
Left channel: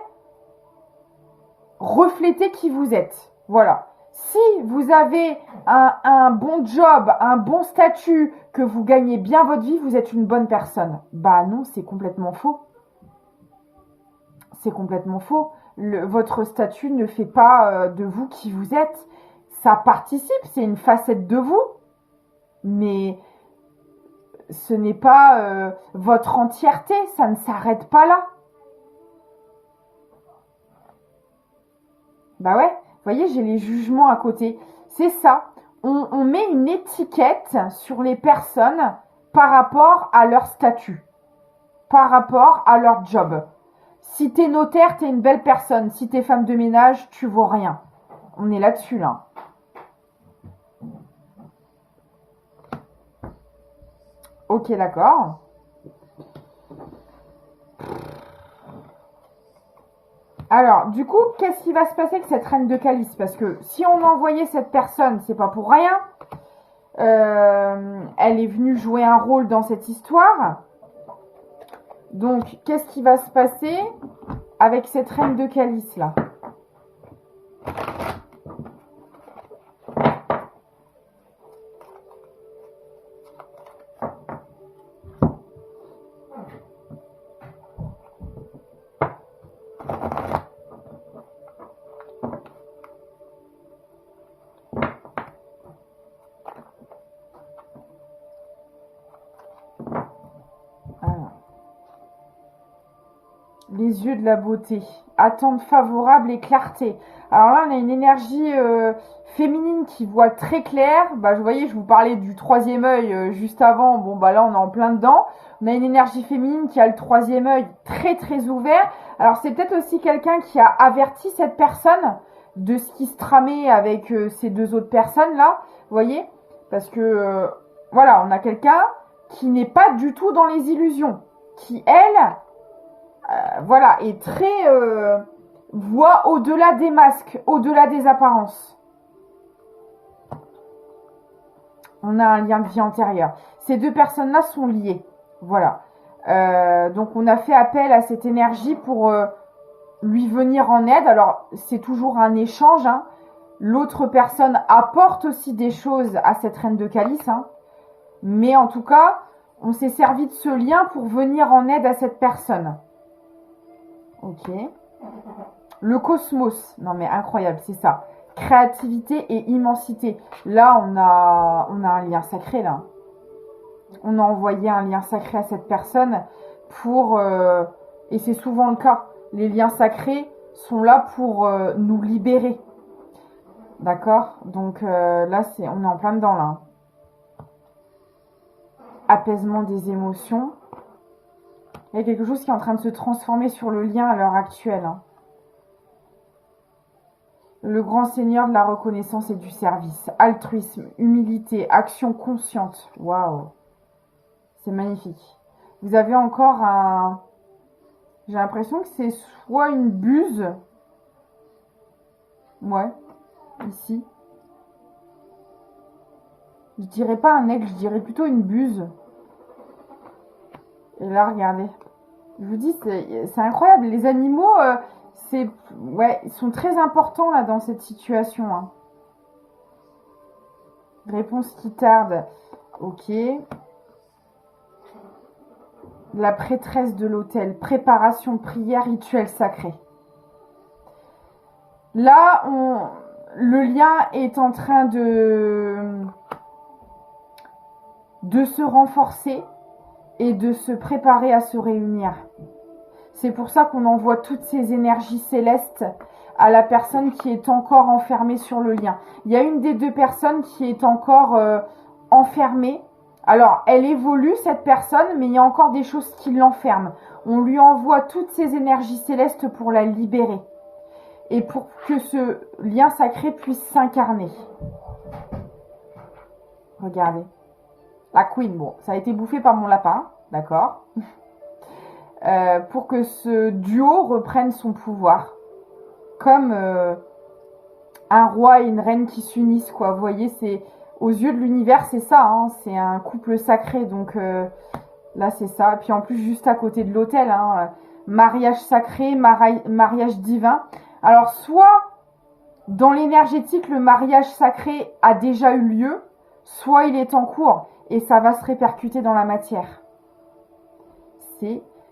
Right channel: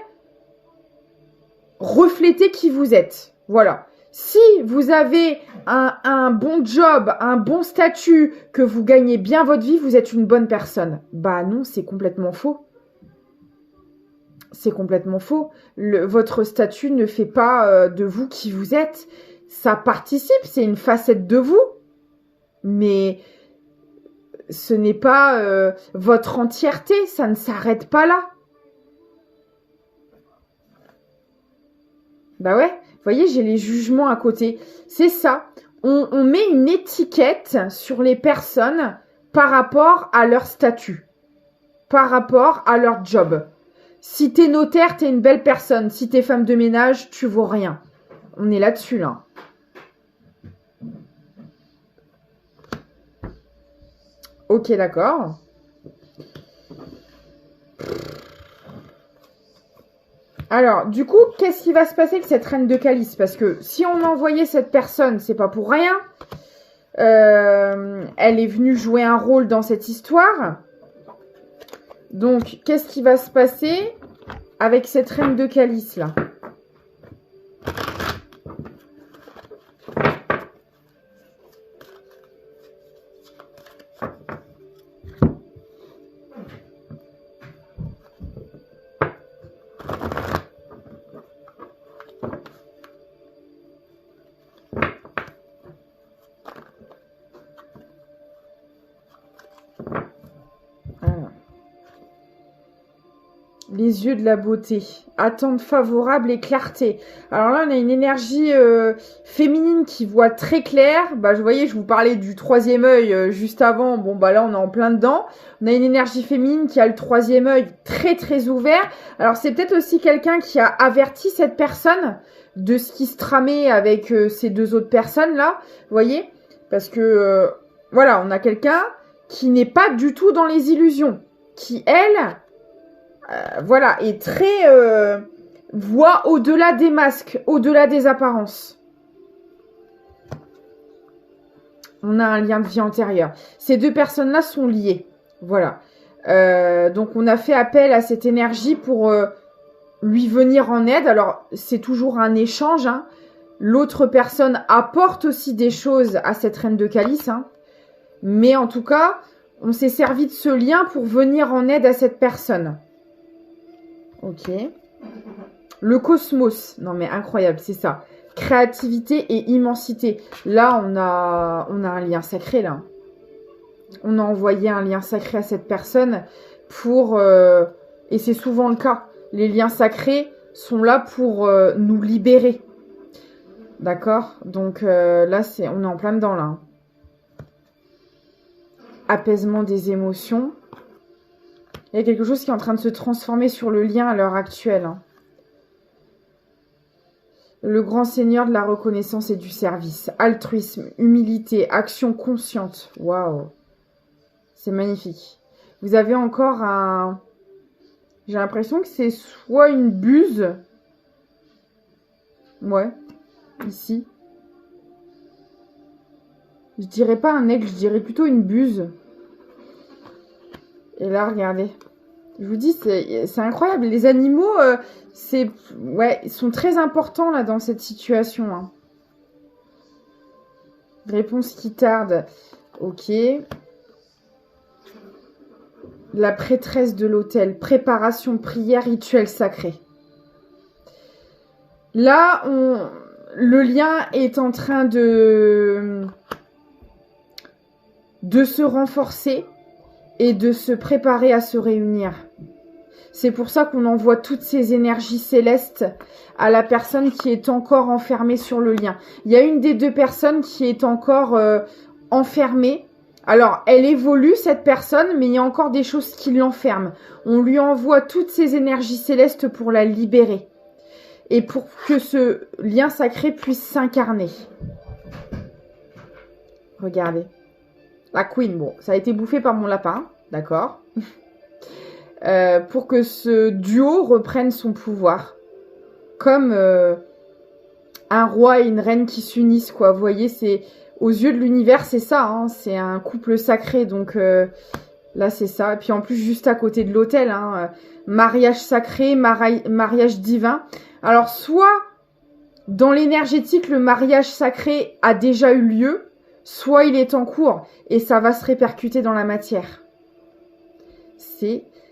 reflétait qui vous êtes. Voilà. Si vous avez un bon job, un bon statut, que vous gagnez bien votre vie, vous êtes une bonne personne. Bah non, c'est complètement faux. C'est complètement faux. Votre statut ne fait pas de vous qui vous êtes. Ça participe, c'est une facette de vous. Mais ce n'est pas votre entièreté, ça ne s'arrête pas là. Bah ouais, vous voyez, j'ai les jugements à côté. C'est ça, on met une étiquette sur les personnes par rapport à leur statut, par rapport à leur job. Si t'es notaire, t'es une belle personne. Si t'es femme de ménage, tu vaux rien. On est là-dessus, là. Ok, d'accord. Alors, du coup, qu'est-ce qui va se passer avec cette reine de calice? Parce que si on a envoyé cette personne, c'est pas pour rien. Elle est venue jouer un rôle dans cette histoire. Donc, qu'est-ce qui va se passer avec cette reine de calice, là? Les yeux de la beauté, attente favorable et clarté. Alors là, on a une énergie féminine qui voit très clair. Bah, je voyais, je vous parlais du troisième œil juste avant. Bon, bah là, on est en plein dedans. On a une énergie féminine qui a le troisième œil très, très ouvert. Alors, c'est peut-être aussi quelqu'un qui a averti cette personne de ce qui se tramait avec ces deux autres personnes-là. Vous voyez? Parce que, voilà, on a quelqu'un qui n'est pas du tout dans les illusions. Qui, elle... voilà, et très voit au-delà des masques, au-delà des apparences. On a un lien de vie antérieur. Ces deux personnes-là sont liées. Voilà. Donc, on a fait appel à cette énergie pour lui venir en aide. Alors, c'est toujours un échange. Hein. L'autre personne apporte aussi des choses à cette reine de calice. Hein. Mais en tout cas, on s'est servi de ce lien pour venir en aide à cette personne. Ok. Le cosmos. Non mais incroyable, c'est ça. Créativité et immensité. Là, on a un lien sacré, là. On a envoyé un lien sacré à cette personne pour... et c'est souvent le cas. Les liens sacrés sont là pour nous libérer. D'accord? Donc là, on est en plein dedans, là. Apaisement des émotions. Il y a quelque chose qui est en train de se transformer sur le lien à l'heure actuelle. Hein. Le grand seigneur de la reconnaissance et du service. Altruisme, humilité, action consciente. Waouh. C'est magnifique. Vous avez encore un... J'ai l'impression que c'est soit une buse. Ouais. Ici. Je dirais pas un aigle, je dirais plutôt une buse. Et là, regardez. Je vous dis, c'est incroyable. Les animaux, ouais, ils sont très importants là dans cette situation. Hein. Réponse qui tarde. Ok. La prêtresse de l'autel. Préparation, prière, rituel sacré. Là, le lien est en train de se renforcer. et de se préparer à se réunir. C'est pour ça qu'on envoie toutes ces énergies célestes à la personne qui est encore enfermée sur le lien. Il y a une des deux personnes qui est encore enfermée. Alors, elle évolue, cette personne, mais il y a encore des choses qui l'enferment. On lui envoie toutes ces énergies célestes pour la libérer. Et pour que ce lien sacré puisse s'incarner. Regardez. La Queen, bon, ça a été bouffé par mon lapin, d'accord. Pour que ce duo reprenne son pouvoir. Comme un roi et une reine qui s'unissent, quoi. Vous voyez, c'est aux yeux de l'univers, c'est ça, hein, c'est un couple sacré. Donc là, c'est ça. Et puis en plus, juste à côté de l'autel, hein, mariage sacré, mariage divin. Alors, soit dans l'énergétique, le mariage sacré a déjà eu lieu, soit il est en cours et ça va se répercuter dans la matière.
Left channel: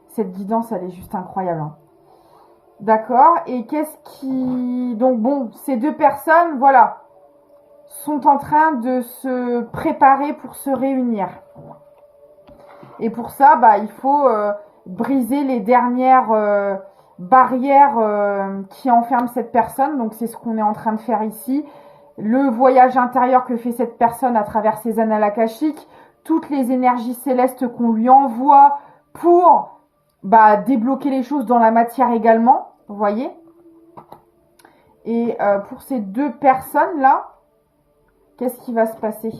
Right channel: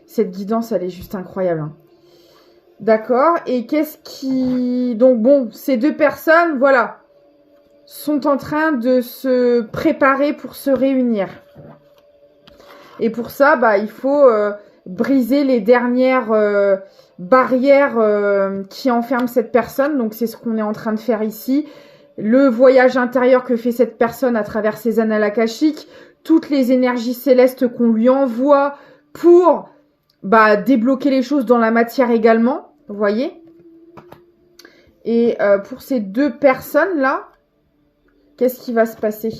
Cette guidance, elle est juste incroyable. Hein. D'accord. Et qu'est-ce qui... Donc bon, ces deux personnes, voilà, sont en train de se préparer pour se réunir. Et pour ça, bah, il faut briser les dernières barrières qui enferment cette personne. Donc c'est ce qu'on est en train de faire ici. Le voyage intérieur que fait cette personne à travers ses annales akashiques, toutes les énergies célestes qu'on lui envoie pour débloquer les choses dans la matière également, vous voyez. Et pour ces deux personnes-là, qu'est-ce qui va se passer?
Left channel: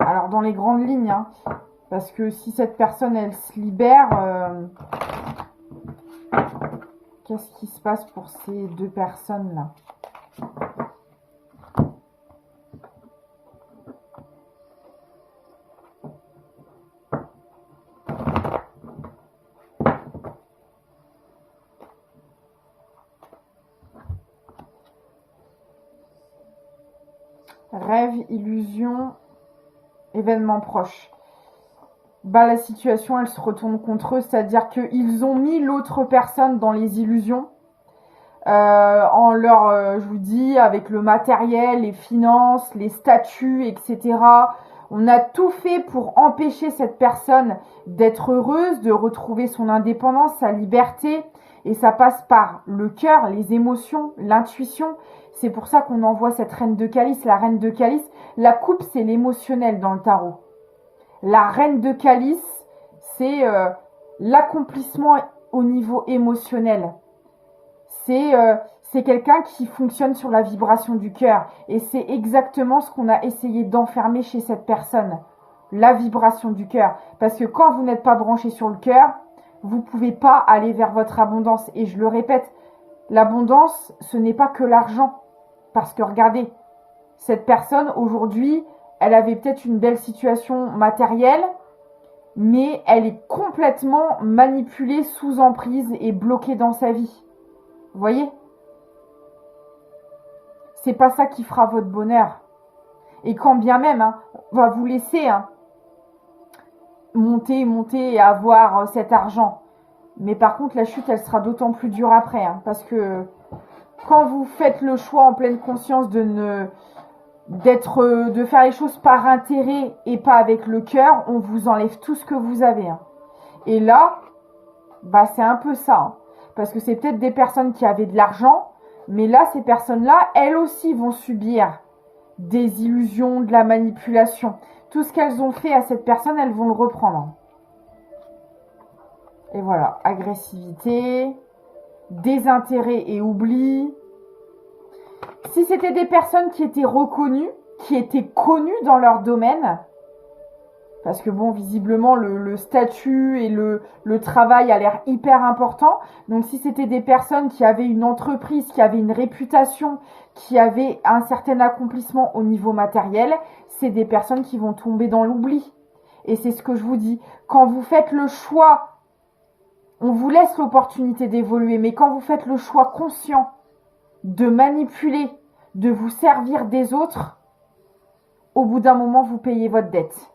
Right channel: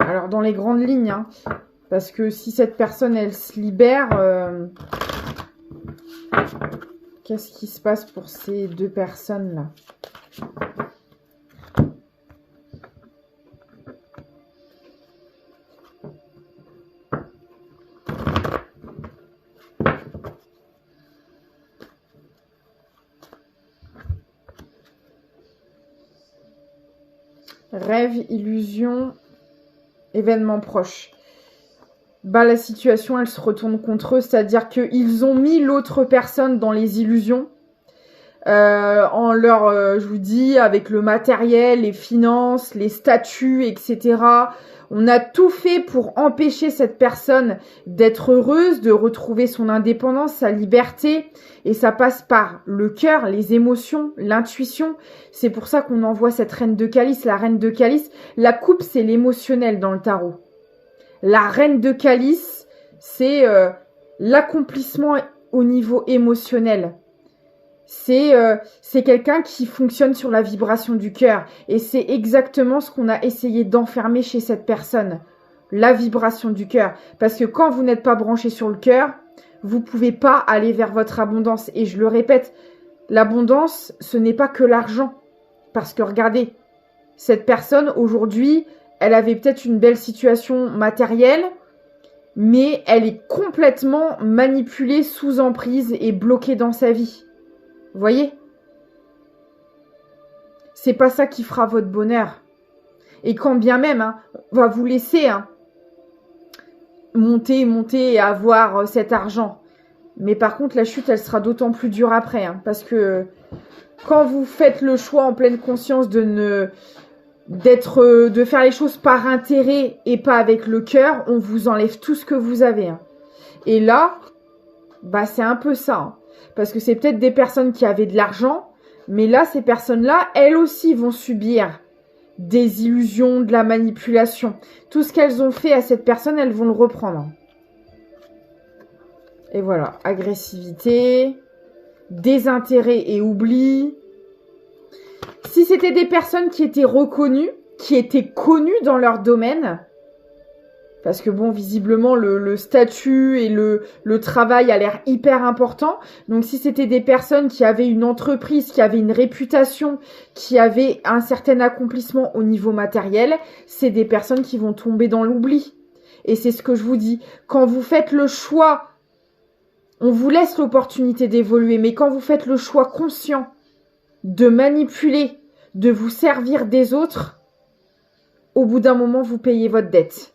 Alors, dans les grandes lignes, hein, parce que si cette personne, elle se libère, qu'est-ce qui se passe pour ces deux personnes-là? Rêve, illusion, événement proche. La situation, elle se retourne contre eux, c'est-à-dire qu'ils ont mis l'autre personne dans les illusions, en leur, je vous dis, avec le matériel, les finances, les statuts, etc. On a tout fait pour empêcher cette personne d'être heureuse, de retrouver son indépendance, sa liberté. Et ça passe par le cœur, les émotions, l'intuition. C'est pour ça qu'on envoie cette reine de calice. La reine de calice, la coupe, c'est l'émotionnel dans le tarot. La reine de calice, c'est l'accomplissement au niveau émotionnel. C'est quelqu'un qui fonctionne sur la vibration du cœur. Et c'est exactement ce qu'on a essayé d'enfermer chez cette personne. La vibration du cœur. Parce que quand vous n'êtes pas branché sur le cœur, vous ne pouvez pas aller vers votre abondance. Et je le répète, l'abondance, ce n'est pas que l'argent. Parce que regardez, cette personne, aujourd'hui, elle avait peut-être une belle situation matérielle, mais elle est complètement manipulée, sous emprise et bloquée dans sa vie. Vous voyez? C'est pas ça qui fera votre bonheur. Et quand bien même, hein, on va vous laisser monter et avoir cet argent. Mais par contre, la chute, elle sera d'autant plus dure après. Hein, parce que quand vous faites le choix en pleine conscience de faire les choses par intérêt et pas avec le cœur, on vous enlève tout ce que vous avez. Hein. Et là, c'est un peu ça. Hein. Parce que c'est peut-être des personnes qui avaient de l'argent, mais là, ces personnes-là, elles aussi vont subir des illusions, de la manipulation. Tout ce qu'elles ont fait à cette personne, elles vont le reprendre. Et voilà, agressivité, désintérêt et oubli. Si c'était des personnes qui étaient reconnues, qui étaient connues dans leur domaine, parce que bon, visiblement, le statut et le travail a l'air hyper important. Donc, si c'était des personnes qui avaient une entreprise, qui avaient une réputation, qui avaient un certain accomplissement au niveau matériel, c'est des personnes qui vont tomber dans l'oubli. Et c'est ce que je vous dis. Quand vous faites le choix, on vous laisse l'opportunité d'évoluer, mais quand vous faites le choix conscient de manipuler, de vous servir des autres, au bout d'un moment, vous payez votre dette.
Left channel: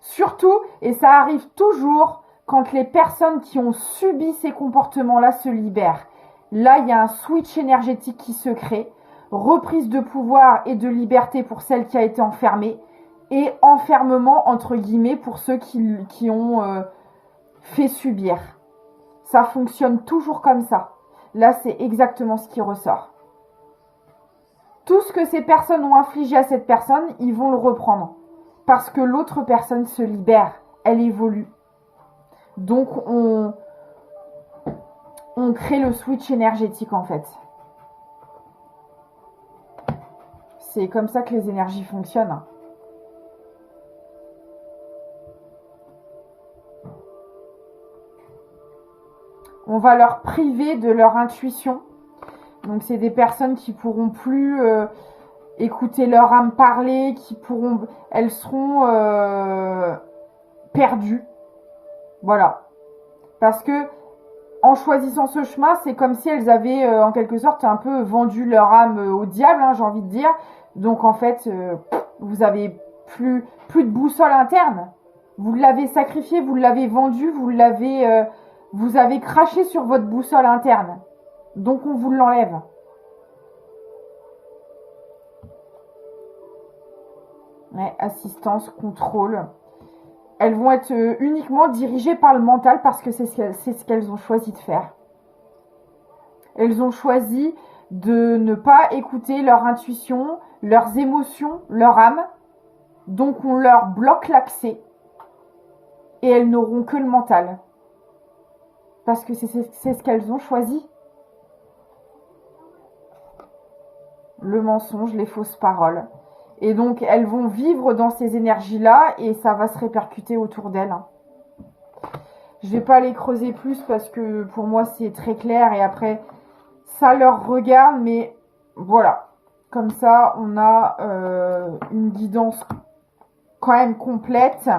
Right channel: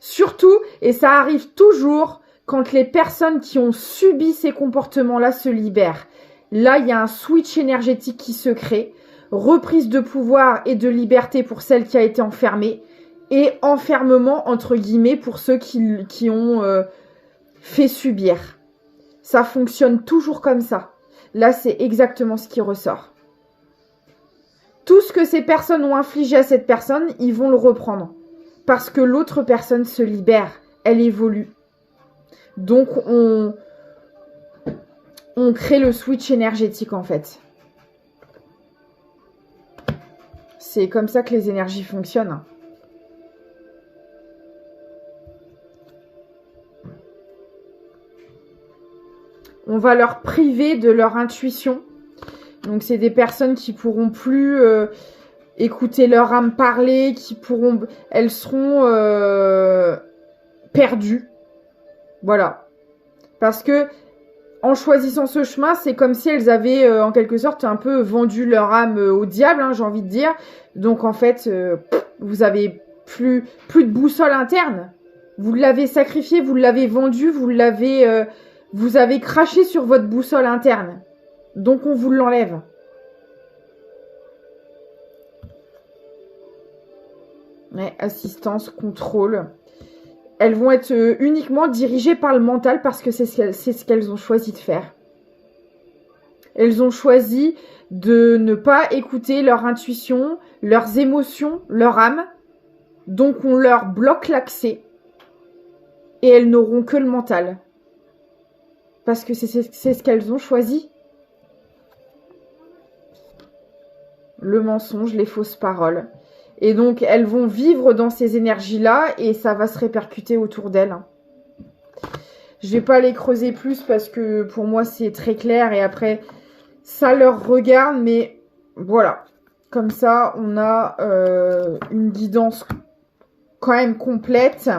Surtout, et ça arrive toujours, quand les personnes qui ont subi ces comportements-là se libèrent. Là, il y a un switch énergétique qui se crée, reprise de pouvoir et de liberté pour celle qui a été enfermée, et enfermement, entre guillemets, pour ceux qui ont fait subir. Ça fonctionne toujours comme ça. Là, c'est exactement ce qui ressort. Tout ce que ces personnes ont infligé à cette personne, ils vont le reprendre. Parce que l'autre personne se libère. Elle évolue. Donc, on crée le switch énergétique, en fait. C'est comme ça que les énergies fonctionnent. On va leur priver de leur intuition. Donc, c'est des personnes qui pourront plus écouter leur âme parler, elles seront perdues. Voilà. Parce que en choisissant ce chemin, c'est comme si elles avaient en quelque sorte un peu vendu leur âme au diable, hein, j'ai envie de dire. Donc en fait, vous avez plus de boussole interne. Vous l'avez sacrifié, vous l'avez vendu, vous avez craché sur votre boussole interne. Donc on vous l'enlève. Ouais, assistance, contrôle. Elles vont être uniquement dirigées par le mental parce que c'est ce qu'elles ont choisi de faire. Elles ont choisi de ne pas écouter leur intuition, leurs émotions, leur âme. Donc on leur bloque l'accès et elles n'auront que le mental. Parce que c'est ce qu'elles ont choisi. Le mensonge, les fausses paroles. Et donc, elles vont vivre dans ces énergies-là et ça va se répercuter autour d'elles. Je ne vais pas les creuser plus parce que pour moi, c'est très clair. Et après, ça leur regarde. Mais voilà. Comme ça, on a une guidance quand même complète.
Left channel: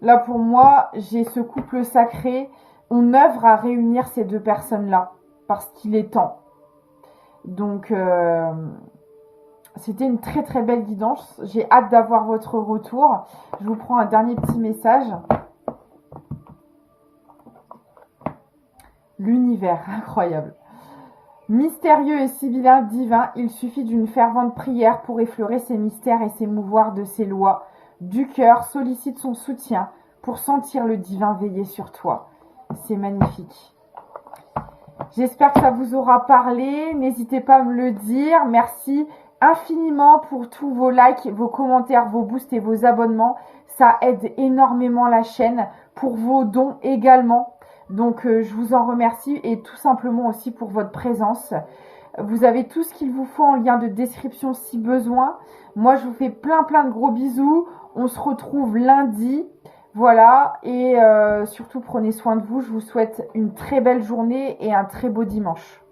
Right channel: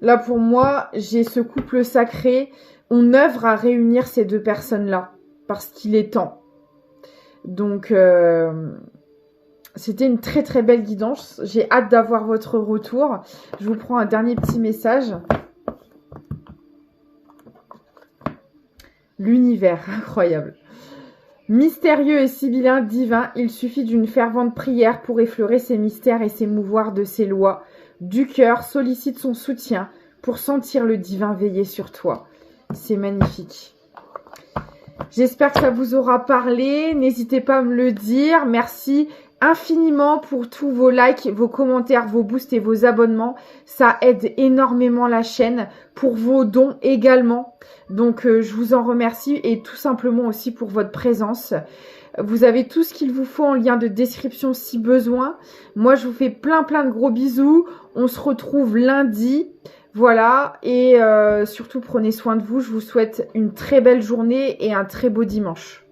Là, pour moi, j'ai ce couple sacré. On œuvre à réunir ces deux personnes-là parce qu'il est temps. Donc... c'était une très très belle guidance. J'ai hâte d'avoir votre retour. Je vous prends un dernier petit message. L'univers, incroyable. Mystérieux et sibyllin divin, il suffit d'une fervente prière pour effleurer ses mystères et s'émouvoir de ses lois. Du cœur, sollicite son soutien pour sentir le divin veiller sur toi. C'est magnifique. J'espère que ça vous aura parlé. N'hésitez pas à me le dire. Merci infiniment pour tous vos likes, vos commentaires, vos boosts et vos abonnements. Ça aide énormément la chaîne. Pour vos dons également. Donc, je vous en remercie et tout simplement aussi pour votre présence. Vous avez tout ce qu'il vous faut en lien de description si besoin. Moi, je vous fais plein de gros bisous. On se retrouve lundi. Voilà. Et surtout, prenez soin de vous. Je vous souhaite une très belle journée et un très beau dimanche.